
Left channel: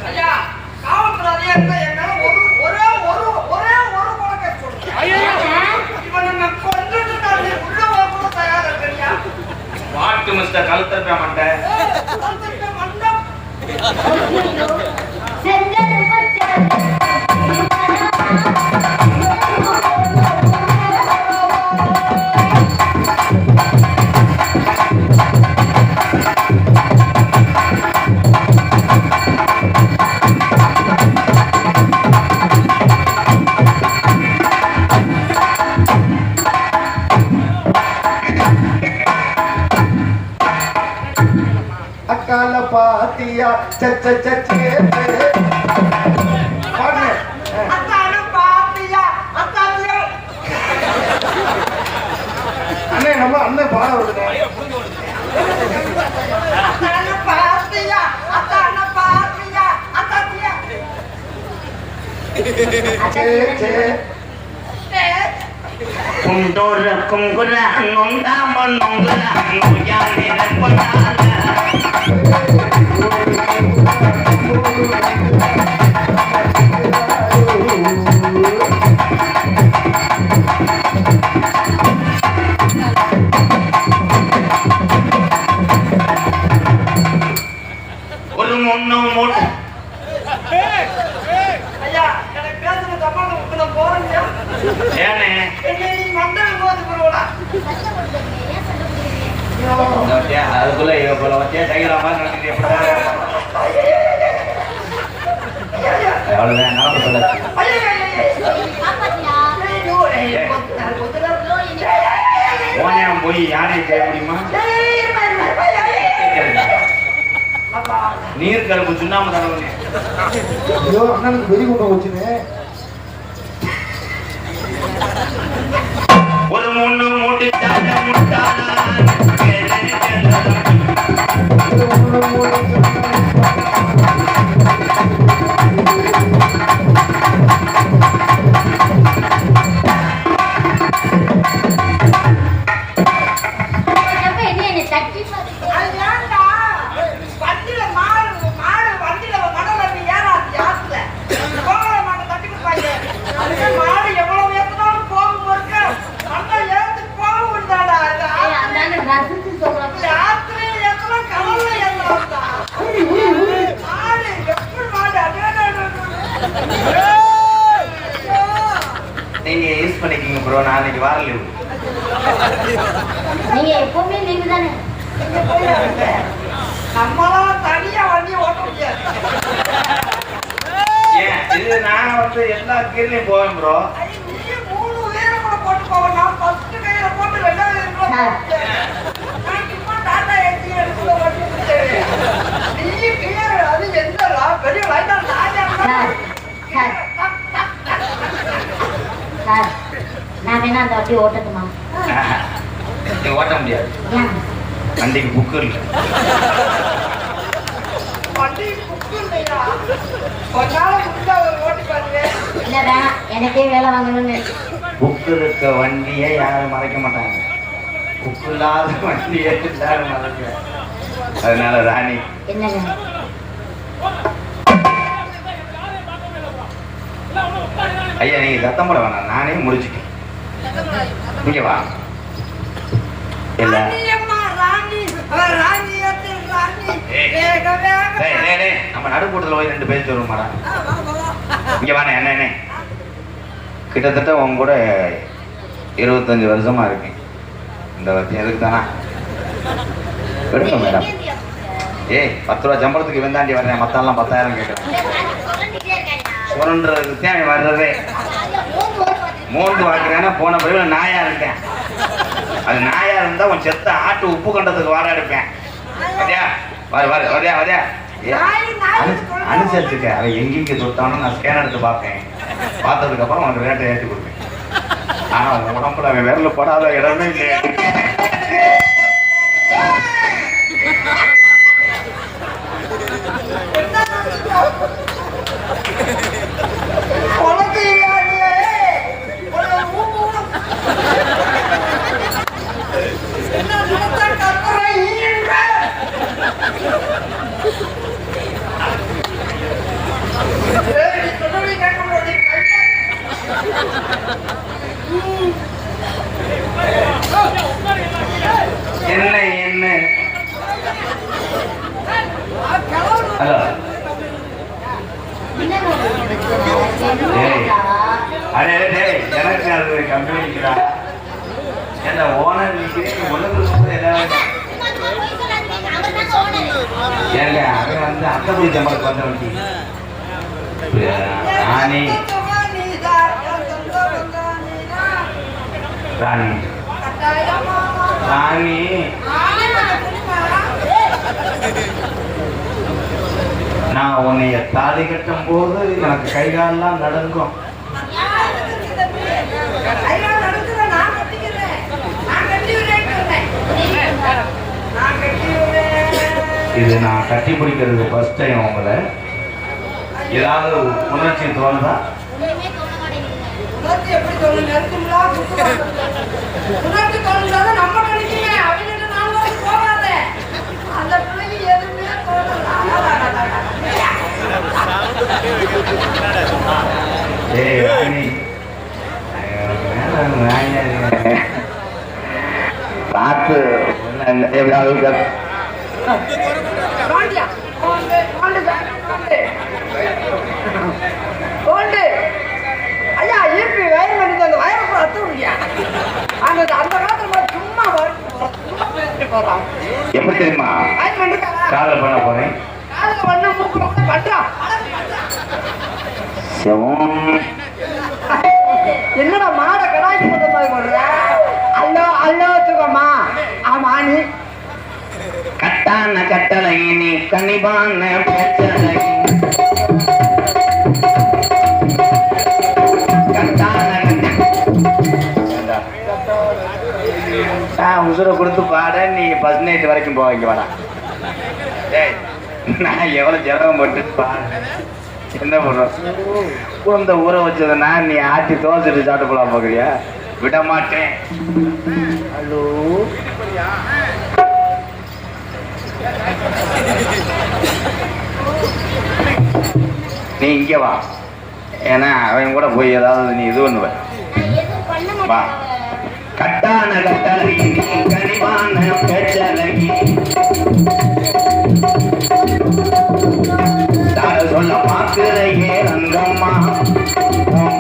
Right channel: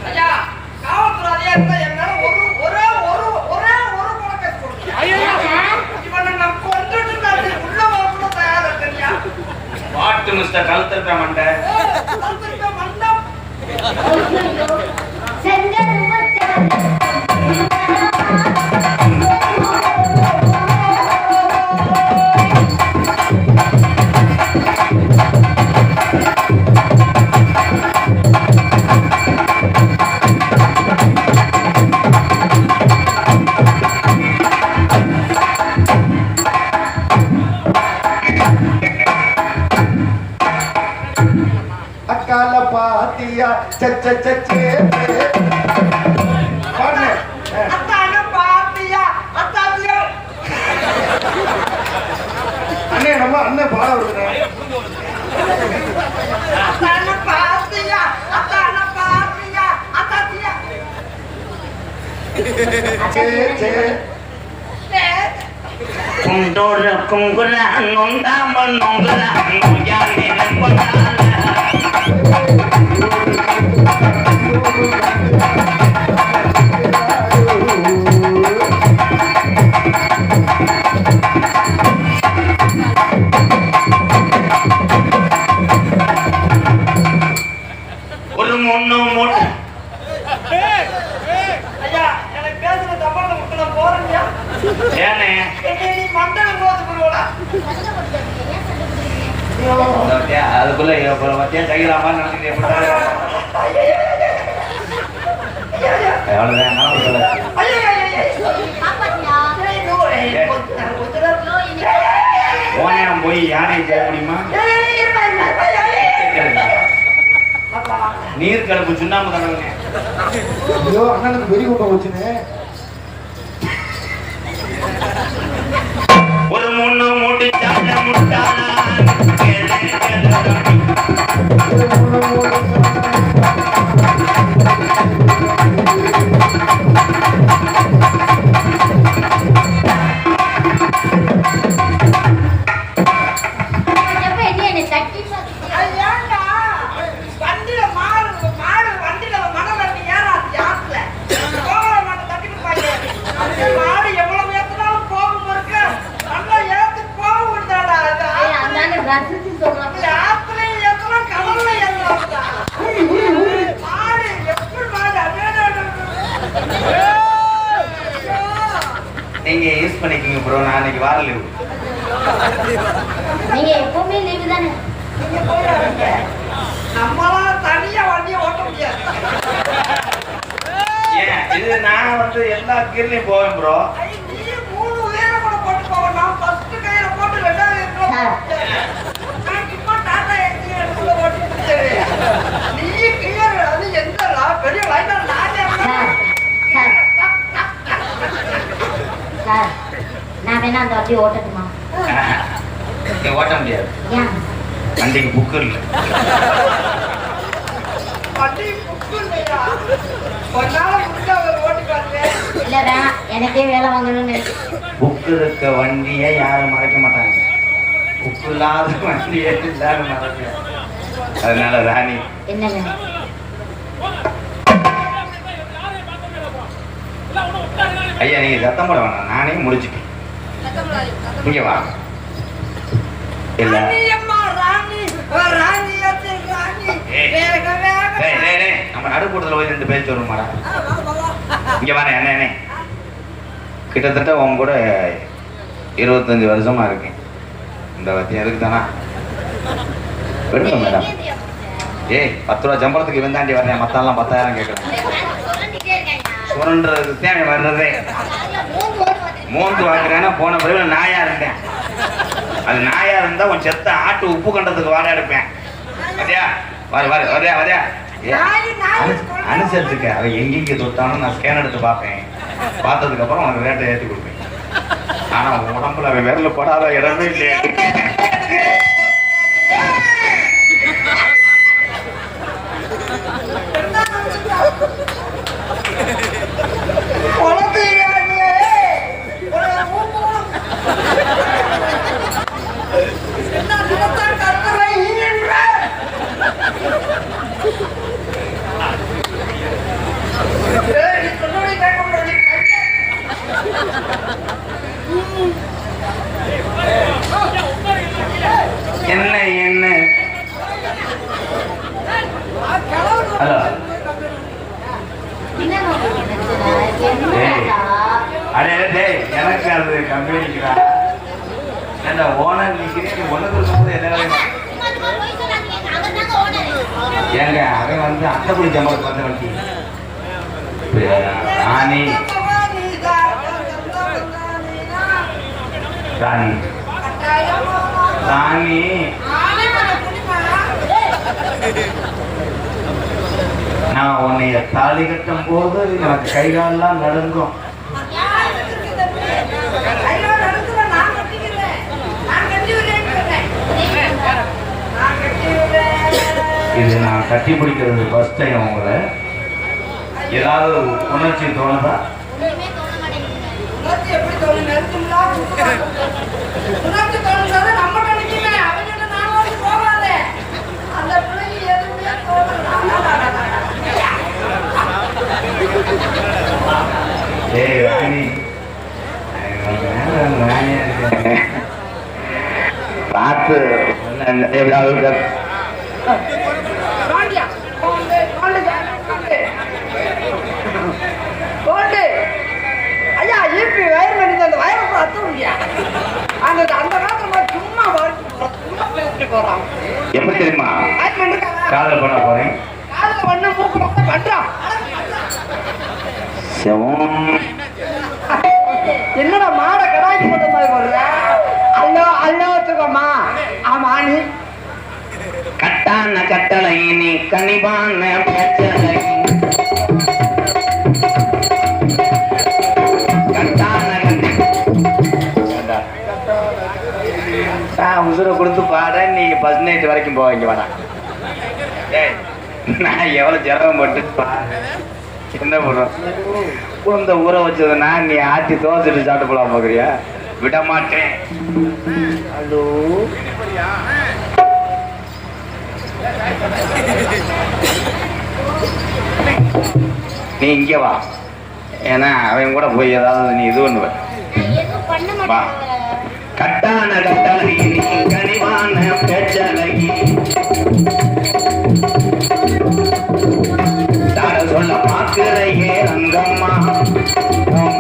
ஐயா, காவல்துறை அதிகாரிகள் என் மேல ஒரே ஒரு குறை போடுங்க. இவனை நான் கொன்றுட்டு நான் உள்ள போகணும் தயாரா இருக்கியா? வாட்டு மிஸ்டர் கழுத்தட்ட மண்டை வந்துட்டு வந்தோம். செங்கல் அக்கால பாத்தியா சச்சே பாருங்க அத்தான பாத்தியா, அத்தாத்தியா. அண்ணே நம்ம அண்ணன் பாட விடுங்க அத்தான பாத்தியா, அத்தாத்தியா. சே குண்டோர குங்குர நொந்தாம நொங்குற நொய்யானே நம்புறாங்க ஒரு முன்னோ மூட்டு ஐயா, எனக்கு பேசுறது தப்பான முக்கியம் போறீங்க. ஏனே நீ மண்டலம் போது போறோடா. அதுக்குள்ள வச்சே கைகளாம நடந்துட்டு அவ்வளவுதான் நான் சொல்லாச்சு ஓனியம் போய் யாரையும் செய்ய முடியுமா நீர் கலப்பு சுண்ணாம தரவனே ஐயோ அண்ணனுக்கு வெறி கொண்டு போச்சுன்னு ஒரு முன்னு மூட்டி முட்டானா அது ஏன்டா? வண்டியில மாடு வண்டியில மடம் நட்டு ஏறாது யாத்துல. கோவல மாட்டை தட்டி கொடுப்பாங்க. அந்த மாடு எவ்வளவு ஏத்துனாலும் போகும் போது நல்லா ஏத்துட்டு போக முடியாதா? யாத்திரையில ஏத்தலாம், கடல்ல ஏத்தலாம்டா. மாடு எப்படி மாடு? நீங்க யூஸ் பண்ணிக்கீங்க ப்ரோ நாளைக்கு வார லீவு நீங்க எப்பவுமே லீவு தானே? நம்மளாம் தனியா வண்டி ஓட்ட முடியாது. ஏன் இது நான் வந்து எல்லா கீழே போவேன் ப்ரோ ஐய, நீ 3 பேரை கூட போட்டு போக. நான் first கையில போட்டு 2வது கையில நான் சும்மா டாடா ஏசி எடுத்து ஓட்டி கொடுத்தேன். நீ clear, அது எந்தடா? பெரிய வயதா ராஜா. சார் சார் நான் வேணா அந்த வண்டி ஓட்டட்டுமா? ஓட்ட முடியாது ஏன்? வண்டிக்கு புக்கு இல்லை வண்டி புக்கு இல்லையா? கொஞ்ச நாள் முடிஞ்சா ஓட்டி காட்டுவேன். இல்ல வேணாம், எனக்கே வேலை வாங்கணும்னு புக்கு இருக்க வண்டியை யாரும் மறைக்க மாட்டாங்க புக்கு இல்லாத வண்டியை எல்லாரும் மறைக்க அதனால ராணி என்ன ஐயா நீங்க சத்தம் போட வேணாம் நானே முடிச்சுட்டேன் இங்க வா இல்ல ராணி அம்மா, ராணி ராணி. நடுக்கூட்டத்தில் போய் 2 பேர் வருமாடா. வா வா வா இங்க வாங்க என்ன கிட்டத்தட்ட உங்க கூட 25 வருஷமா இருக்கேன். இந்த வத்தி எதுக்கு தானா எடுங்க மேடம். ஏய் 10 ரூபா சம்பளத்துக்கு இவன் தாண்டி வர்றேன், மத்தெல்லாம் 10,000 கேட்கறேன். சுரண்டுறதுக்கு தான் வர்றதே. 3 வாங்குறேன்னா போன பிறகு நாயா இருக்கேன். அது நாயா இருந்தா உன் செத்த ஆட்டு உப்பு கண்டத்துக்கு வாடா எடுப்பேன். வரியா வரியா அனுசரிச்சுக்க. அவன் எங்கெங்க தொட்டாலும் நான் ஸ்கேன் எடுத்து பார்ப்பேன். பார்த்ததுக்கு அப்புறம் உனக்கு ரேட்டை ஏற்றி கொடுப்பேன். ஆனா உடம்புல அவன் விரல போடாத இடமே இல்லையா. உனக்கு என்ன நடத்தான் கத்துற ஈன்ற என்ன என்ன அடே டேய் எனக்கு அது கம்பெனிக்குடா. என்ன ஓனர் நிக்கிறேன் உனக்கு ஏதாவது ஏங்க அவன் வந்து அந்த குடி சம்பளத்துக்கு வந்து வண்டி ராணி ராணி ராணி நான் உன்னைய தாலி கட்டும் போது எனக்கு கைகாலெல்லாம் நடங்கும். இது நான் கட்டி பிடிக்கிறது ஃபர்ஸ்ட் டைம். உங்களை ஏதாவது உணர்ச்சி தோணுதா? உணர்ச்சி எப்படி தோணும்? உணர்ச்சி தோணுதான் நம்ம கண்டிக்குமே. அவங்கிட்ட நான் வந்து போகாத அந்த பிள்ளைக்கு எதுவுமே தோணல. பார்த்து ஐயா ஈபி வயர் பண்ணி அந்த வயரை கூட அத்து முடியா. அந்த காலத்துல சும்மா போறான். எப்படி தெரியுமா காதல் பண்ண போறேன். காதல பண்ண மூக்குல கூட பண்றான். என்னடா மாட கடாய்க்கு போட்ட மாதிரி போடுற? அல்லோ அல்லோ சுகமா ஆமா நீ கட்டான கட்டளை நீ கனிவான பிரச்சனை உசுரை கொடுத்து பாட நீங்க ஃபர்ஸ்ட் நைட் வரைக்கும் போவீங்க வேணாம். நான் எவ்வளவு ஜலம் போட்டு என்ன பண்ணுறோம் குழந்தை ஊற வச்சதுன்னா நீ ஆட்டி தோசைட்டு சாப்பிட்டு போலாம் போகிறியா? விட மாட்டேன். ஹலோ நீ இங்க வா. ஏன்னா அவன் கூட போய் ஏதாவது நீ இது பண்ணுவ. வா கட்டான கட்டளை நீ கனிவான பேச்சலகி சொல்ல பார்க்கிறையே அங்கம்மா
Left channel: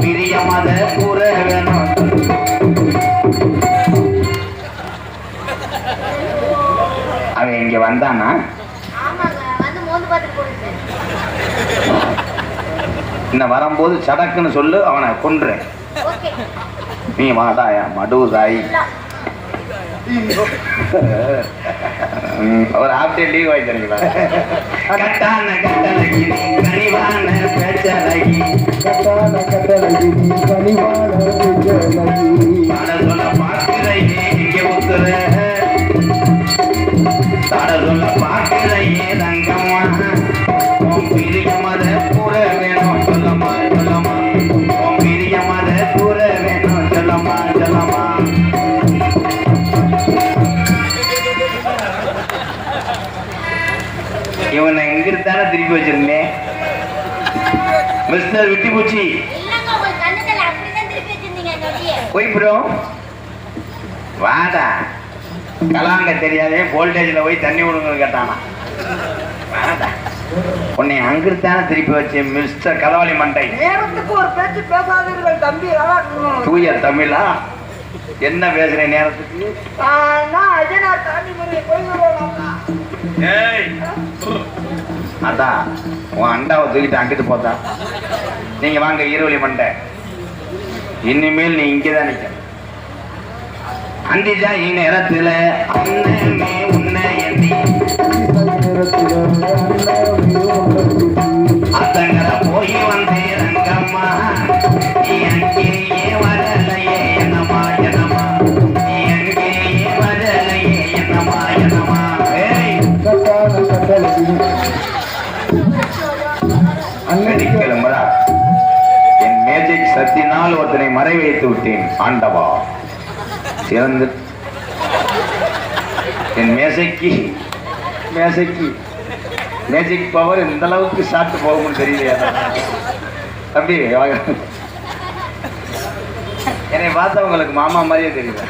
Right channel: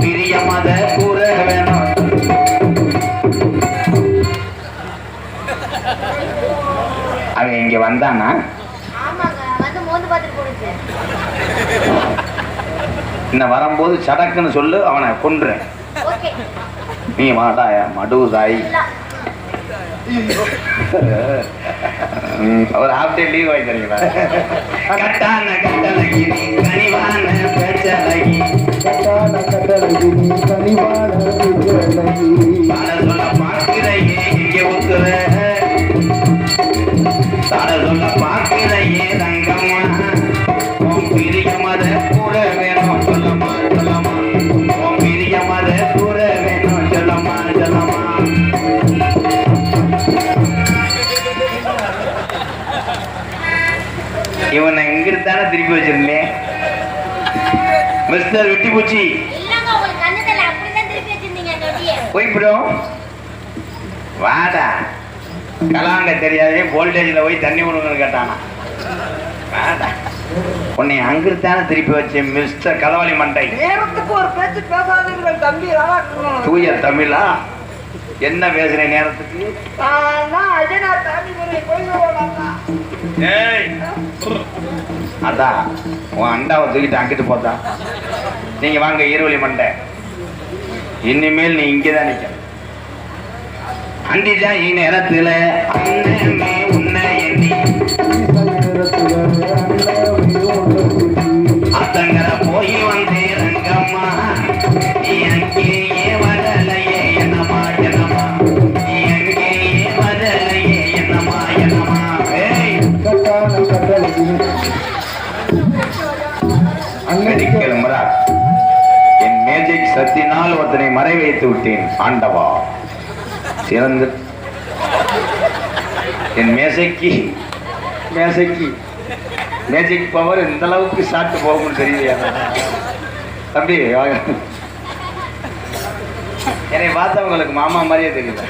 பிரிய மத கூற வேணும். அவன் இங்க வந்தானா? இன்னும் வரும்போது சடக்குன்னு சொல்லு, அவனை கொன்றேன். நீ மாட்டாயா மடுதாய். ஒரு ஹாஃப் டே லீவ் வாங்கி தரீங்களா? கட்டான கட்டளகி கனிவான பேச்சலகி கட்டான கட்டளகி கனிவான பேச்சலகி சொல்ல பார்க்கிறையே இங்கே ஒத்துற தாட சொல்ல பார்க்கிறையே தங்கம்மா பிரிய மத கூற வேணும் சொல்லம்மா சொல்லம்மா பிரிய மத கூற வேணும் சொல்லம்மா சொல்லம்மா. இவனை எங்கிருந்தானே திருப்பி வச்சிருந்தேன். மிஸ்டர் விட்டி பூச்சி போய் விடும். வாடா கலாங்க தெரியாதே வோல்டேஜ்ல போய் தண்ணி விடணும்னு கேட்டான். வாடா உன்னை அங்கிருத்தான திருப்பி வச்சு மிஸ்டர் கதவாளி மண்டை. நேரத்துக்கு ஒரு பேச்சு பேசாதீர்கள் தம்பி. தூய தமிழா என்ன பேசுற நேரத்துக்கு? அதான் உன் அண்டாவை தூக்கிட்டு அங்கிட்டு போதா. நீங்க வாங்க ஈரோலி மண்டை, இனிமேல் நீ இங்கதான் நிக்க. அண்டிதா நேரத்துல அண்ணமே உன்னை எண்ணி அத்தங்கர போய் வந்தே ரங்கம்மா, நீ அங்கேயே வரலையே என்னமா என்னமா, நீ அங்கேயே வரலையே என்னமா என்னமா. அங்கடிக்கிழமரா என் மேஜிக் சத்தினால் ஒருத்தனை மறை வைத்து விட்டேன் ஆண்டவா. சிறந்து என் மேசைக்கு மேஜிக் பவர் இந்த அளவுக்கு ஷார்ட் போகும்னு தெரியலையா தம்பி? என்னை பார்த்தவங்களுக்கு மாமா மாதிரியே தெரியல.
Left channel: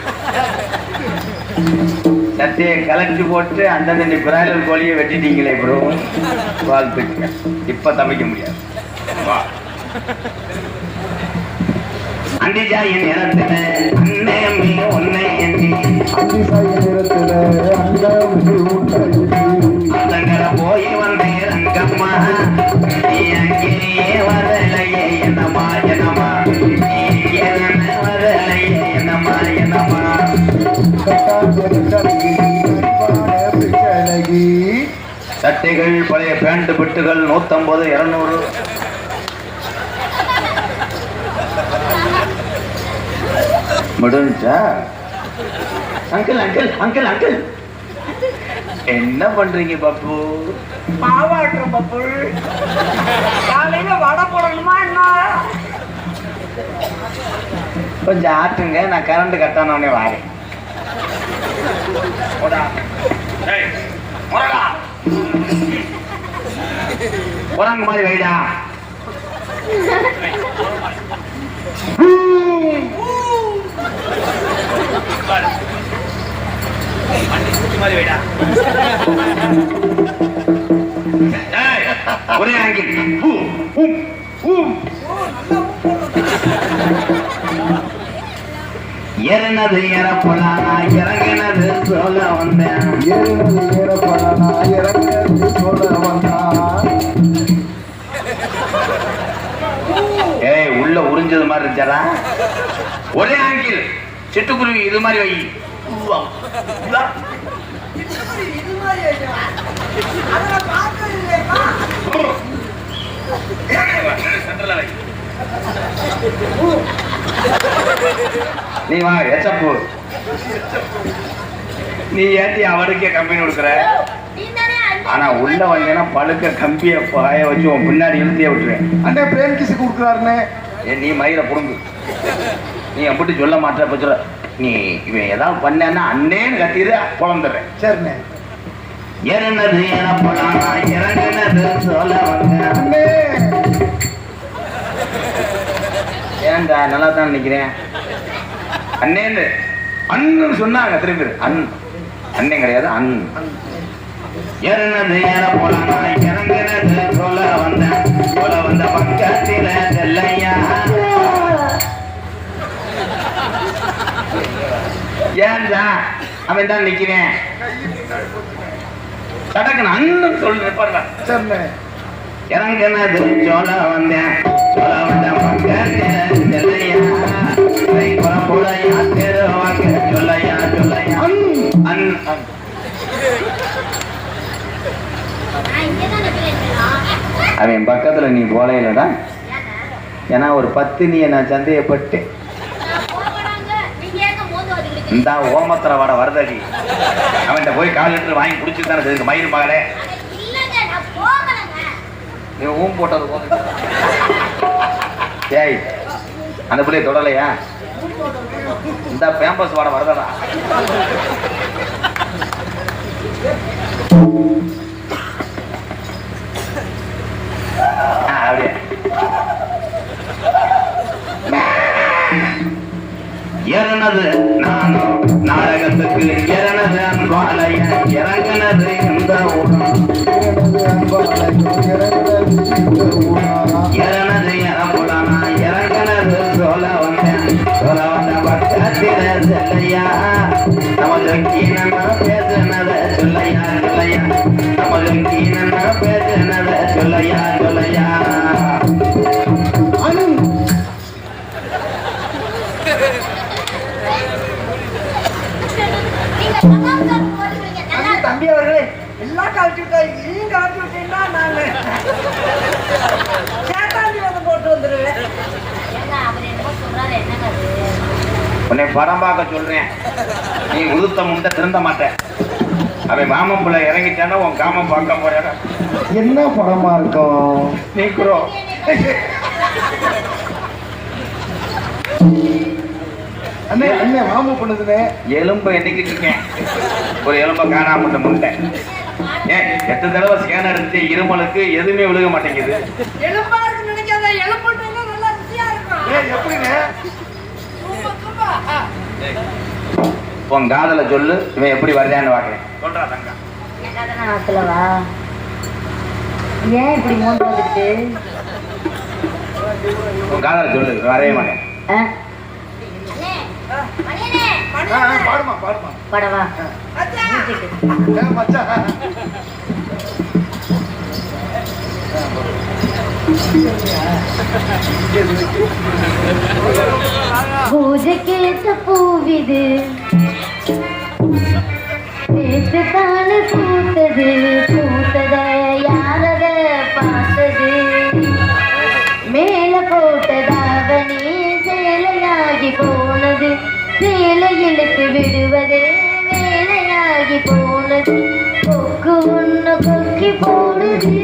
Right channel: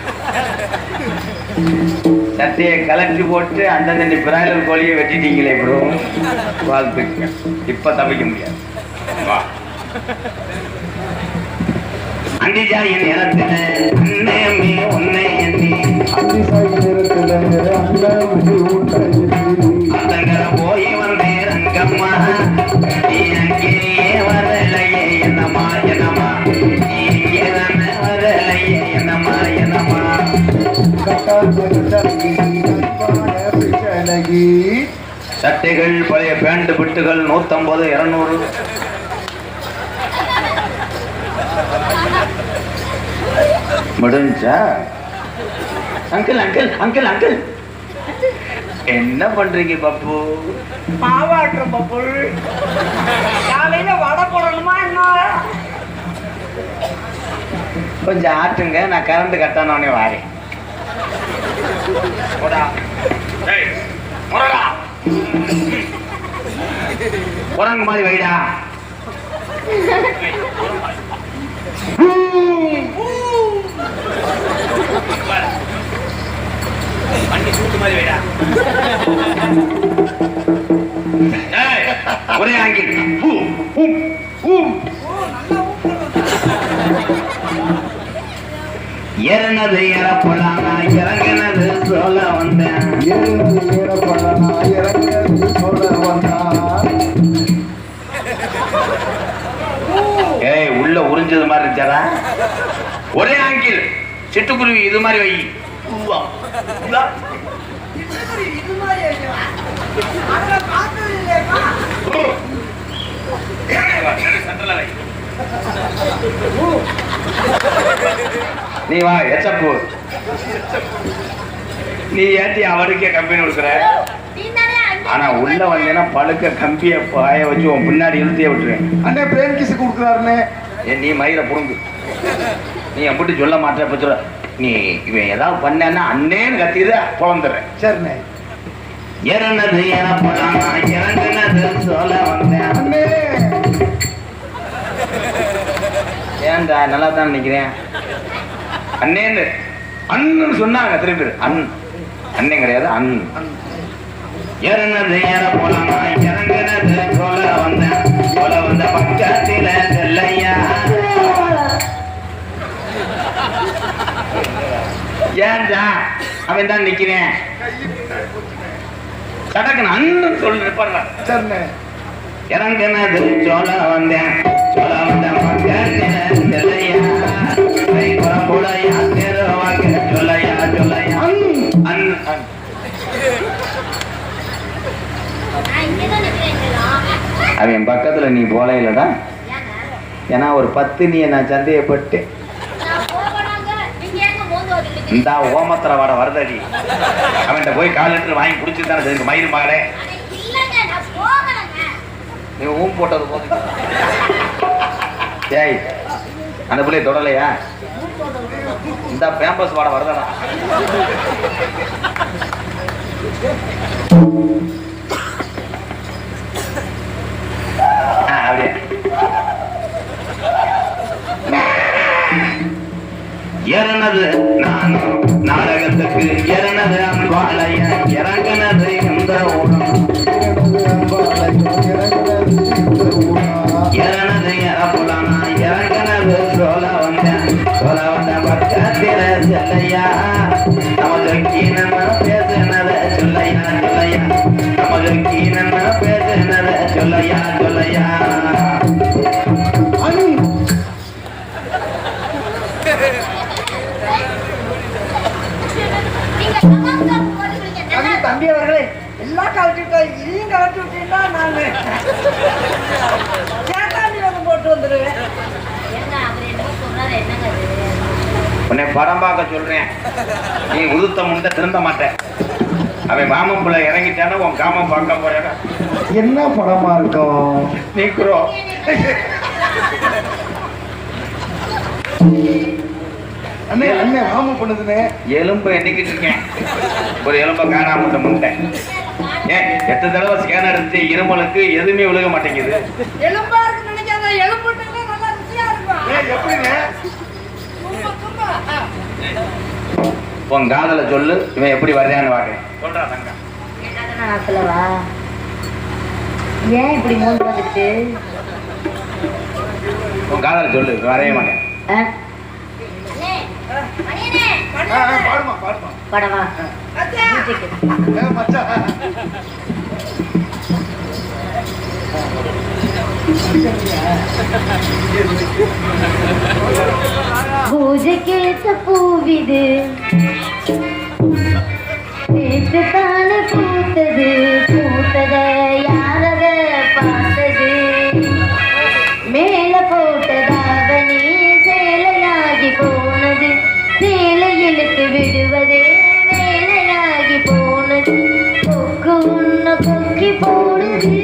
சட்டையை கலட்டி போட்டு அந்தந்த பிராய்லர் கோழியை வெட்டிட்டீங்களே ப்ரோ, வாழ்த்துக்கு. இப்ப தவிக்க முடியாது. அண்டிஜா என் நேரத்துல அண்ணமே உன்னை எண்ணி அந்தங்கர போய் வந்தே ரங்கம்மா, நீ அங்கேயே வரலையே என்னமா என்னமா, நீ இங்கே வரலையே என்னமா என்னமா. சட்டைகள் பழைய பேண்ட் பிட்டுகள் 150 200. முடிஞ்சா அங்கிள் அங்கிள் அங்கிள் அங்கிள் என்ன பண்றீங்க பப்பு? மாவாட்டுறோம் பப்பு. காலையில வடை போடணுமா என்ன? கொஞ்சம் ஆட்டுங்க, நான் கரண்ட் கட்டானே வாரேன். உடம்பு மாதிரி வைடா. ஒரே ஆங்கில் இறனது இறப்பொல்லானா இறங்கினது சொல்ல வந்தேன். ஏய் உள்ள உறிஞ்சது மாதிரி இருந்துச்சாரா? ஒரே ஆங்கில் சிட்டுக்குருவி இது மாதிரி வை. இது மாதிரி அதுல பார்த்தது இல்லையா? நீ வா எச்சப்பு, நீ ஏத்தி அவருக்கே கம்பெனி கொடுக்குற. ஆனா உள்ள வந்தேன்னா பழுக்க கம்பிய பாய வச்சு உன் பின்னாடி இழுத்திய விட்டுருவேன். அண்ணே பிரேம் கிஸ் கொடுக்குறாருன்னு நீ மயிரை புடுங்கு. நீ எப்படி சொல்ல மாட்ட சொல்ல. நீ இவன் ஏதாவது பண்ணா அண்ணேன்னு கத்திடு குழந்துடுறேன். சரிண்ணே. இறந்தது எனப்படாமா இறங்கினது சொல்ல வந்தேன். அண்ணே ஏன்டா நல்லா தான் நினைக்கிறேன். அண்ணேன்னு அண்ணன் சொன்னாங்க திரும்பி. அண்ணன் கிடையாது அண். இறந்தது எனப்படாமா இறங்கினது சொல்ல வந்த பக்கத்தில செல்லையா. ஏன்டா அவன் தான் நிக்கிறேன். கடக்குன்னு அண்ணன் சொல்ல. சரிண்ணே. இறங்கினது சொல்ல வந்தேன் பக்கத்தில செல்லையா. சொல்லையா சொல்லையா அவன் பக்கத்துல நீ போல இல்லடா. ஏன்னா ஒரு 10 நீ நான் சந்தேகப்பட்டு இந்த ஓமத்திர வாட வருதடி. அவன்கிட்ட போய் 4 லிட்டர் வாங்கி குடிச்சு தானே தெரியுது மயிறு பாரு. நீ ஊம் போட்டது போது. ஏய் அந்த பிள்ளைய தொடலையா? இந்த பேம்பஸ் வாட வருதா? அப்படியே இறனது நான் நாடகத்துக்கு இறனது அன்பாலய இறங்கினது இந்த சொல்லையா நமக்கு என்ன பேசுனத சொல்லையா சொல்லையா தம்பி அவர்களே எல்லாம் கழட்டிட்டா இதையும் கழட்டி விட்டீங்கன்னா நான் சேட்டாண்டி வந்து போட்டு வந்துடுவேன். உன்னை படம் பார்க்க சொல்றேன், நீ உதுத்த முந்த திருந்த மாட்டேன். அவன் மாமப்புள்ள இறங்கிட்டானா உன் காமம் பார்க்க போயிட. என்ன படமா இருக்கும்? நீக்குறோ அண்ணே அண்ணே மாமா பண்ணுதுனே. எலும்பு எண்ணிக்கிட்டு இருக்கேன், ஒரு எலும்பை காணாம விட்ட முட்டேன். ஏன் 8 தடவை ஸ்கேனர் எடுத்து இருமலுக்கு எதுவுமே விழுக மாட்டேங்குது. எலும்பா இருக்கு நினைக்காத, எலும்புன்னா நல்லா ருசியா இருக்கும். எப்படிங்க? உன் காதல சொல்லு, இவன் எப்படி வரையான்னு வாக்குறேன். சொல்றா தங்க. ஏன் இப்படி மூணு வந்துட்டு உன் காதல சொல்லு, வரைய மாட்டேன். பாடுமா பாடுமா. படவா மச்சான் பூஜைக்கு பூவிது தானே பூத்தது, பூத்தத யாரத பார்த்தது, மேல போட்டதாவணி சேலையாகி போனது, சேலை இழுத்து விடுவதே வேலையாகி போனது, கொக்கு ஒண்ணு கொக்கி போடுது.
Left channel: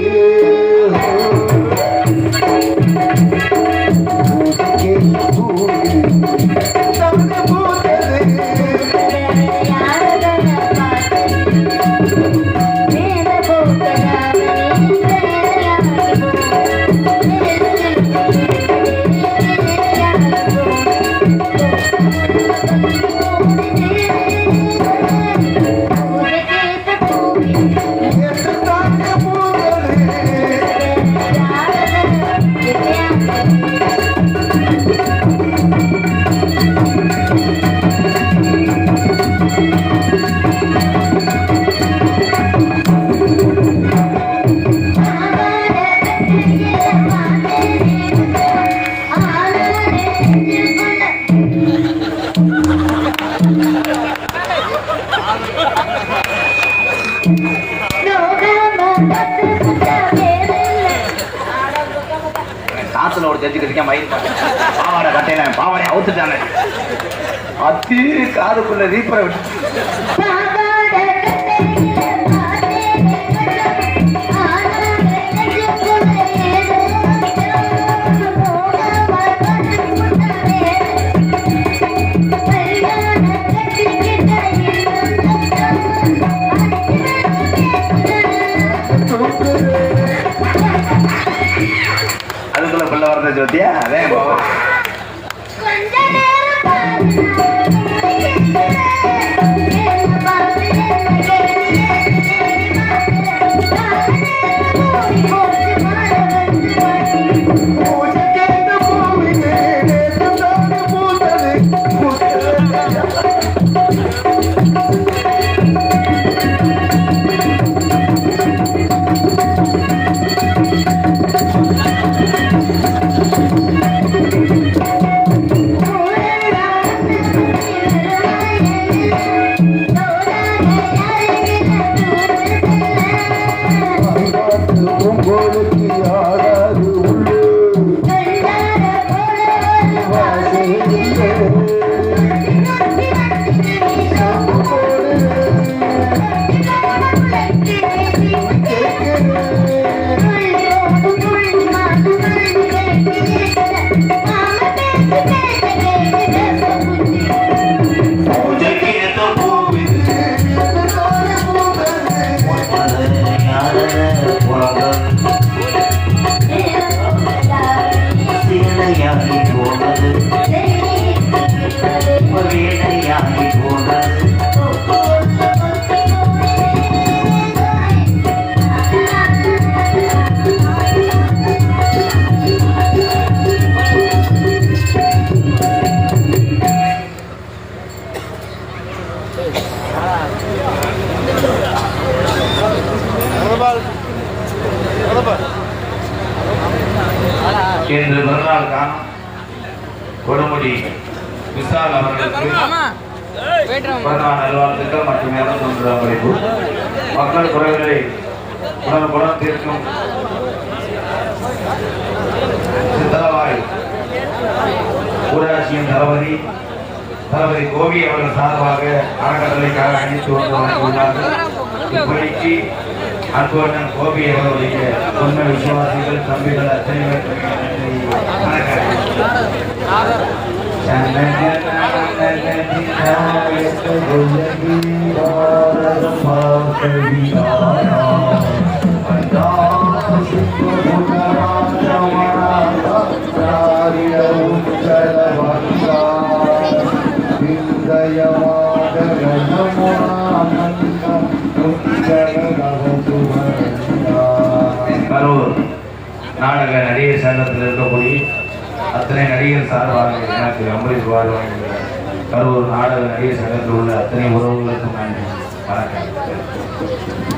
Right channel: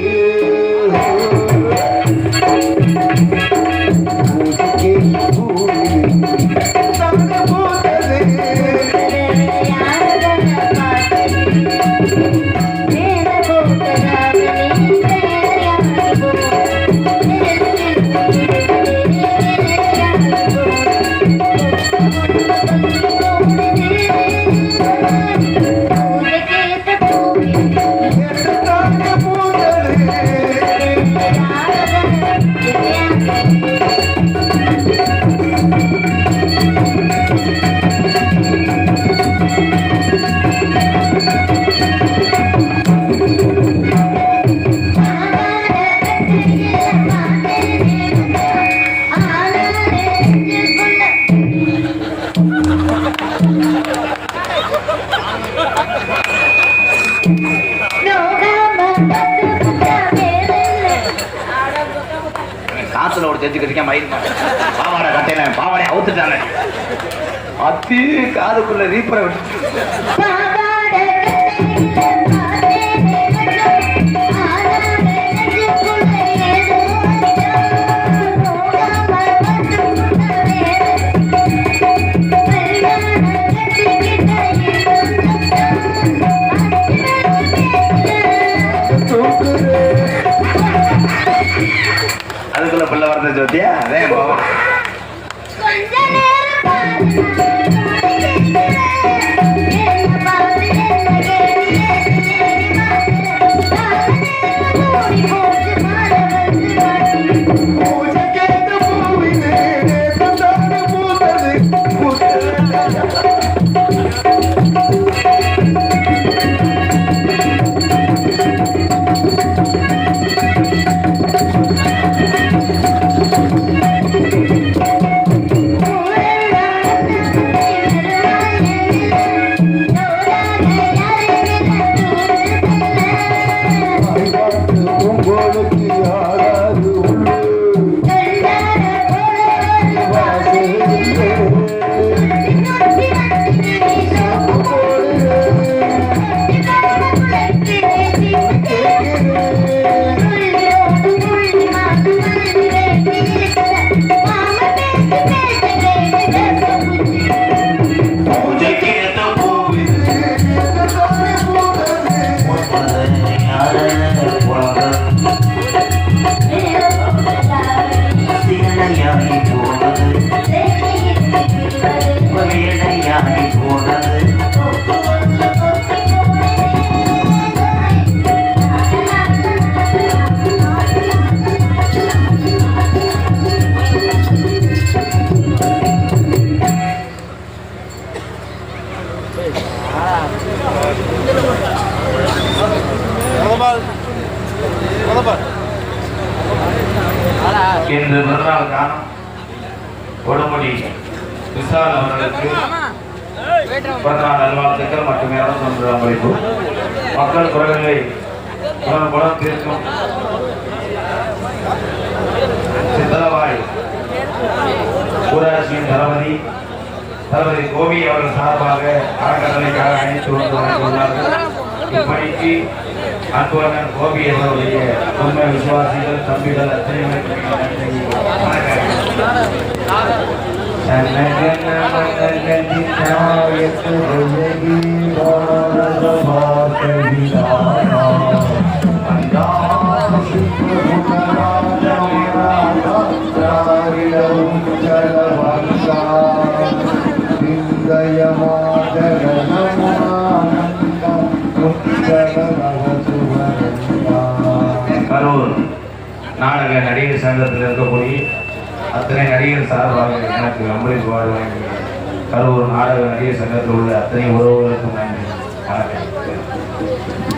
காத்துல ஒரு தெரிஞ்சுக்கிட்டு மயில் பாவாடை கட்டையில பாவாடை அவுத்துட்டானே, அத்தி காதுக்குள்ள ரீப்பரை விட்டு அதுக்குள்ள பிள்ளை வரத ஜோதியா. அதே பாவா கொஞ்ச நேரம் மக்கள் குறைகளை உடனுக்குடன் தீர்க்கும் சித்தலவாய் ஊராட்சியின் தளபதி கோவி அவர்கள் சார்பாக அறக்கட்டளைக்காக அணித்து வந்துள்ளார்கள். இப்படிக்கு அன்புடன் கோபி அவர்களுடைய உண்மை விசுவாசிகள் தம்பிகள் அத்தனை கரூர் நாடக நடிகர் சங்கத்தில் இருக்கக்கூடிய அத்தனை நடிகர் சார்பாக எனக்கு அம்பரீஷ் வழங்கிய கரூர் நாடக நடிகர் சங்கத்தில் உள்ள அத்தனை உறவுகளுக்கும் நன்றி. வணக்கம்.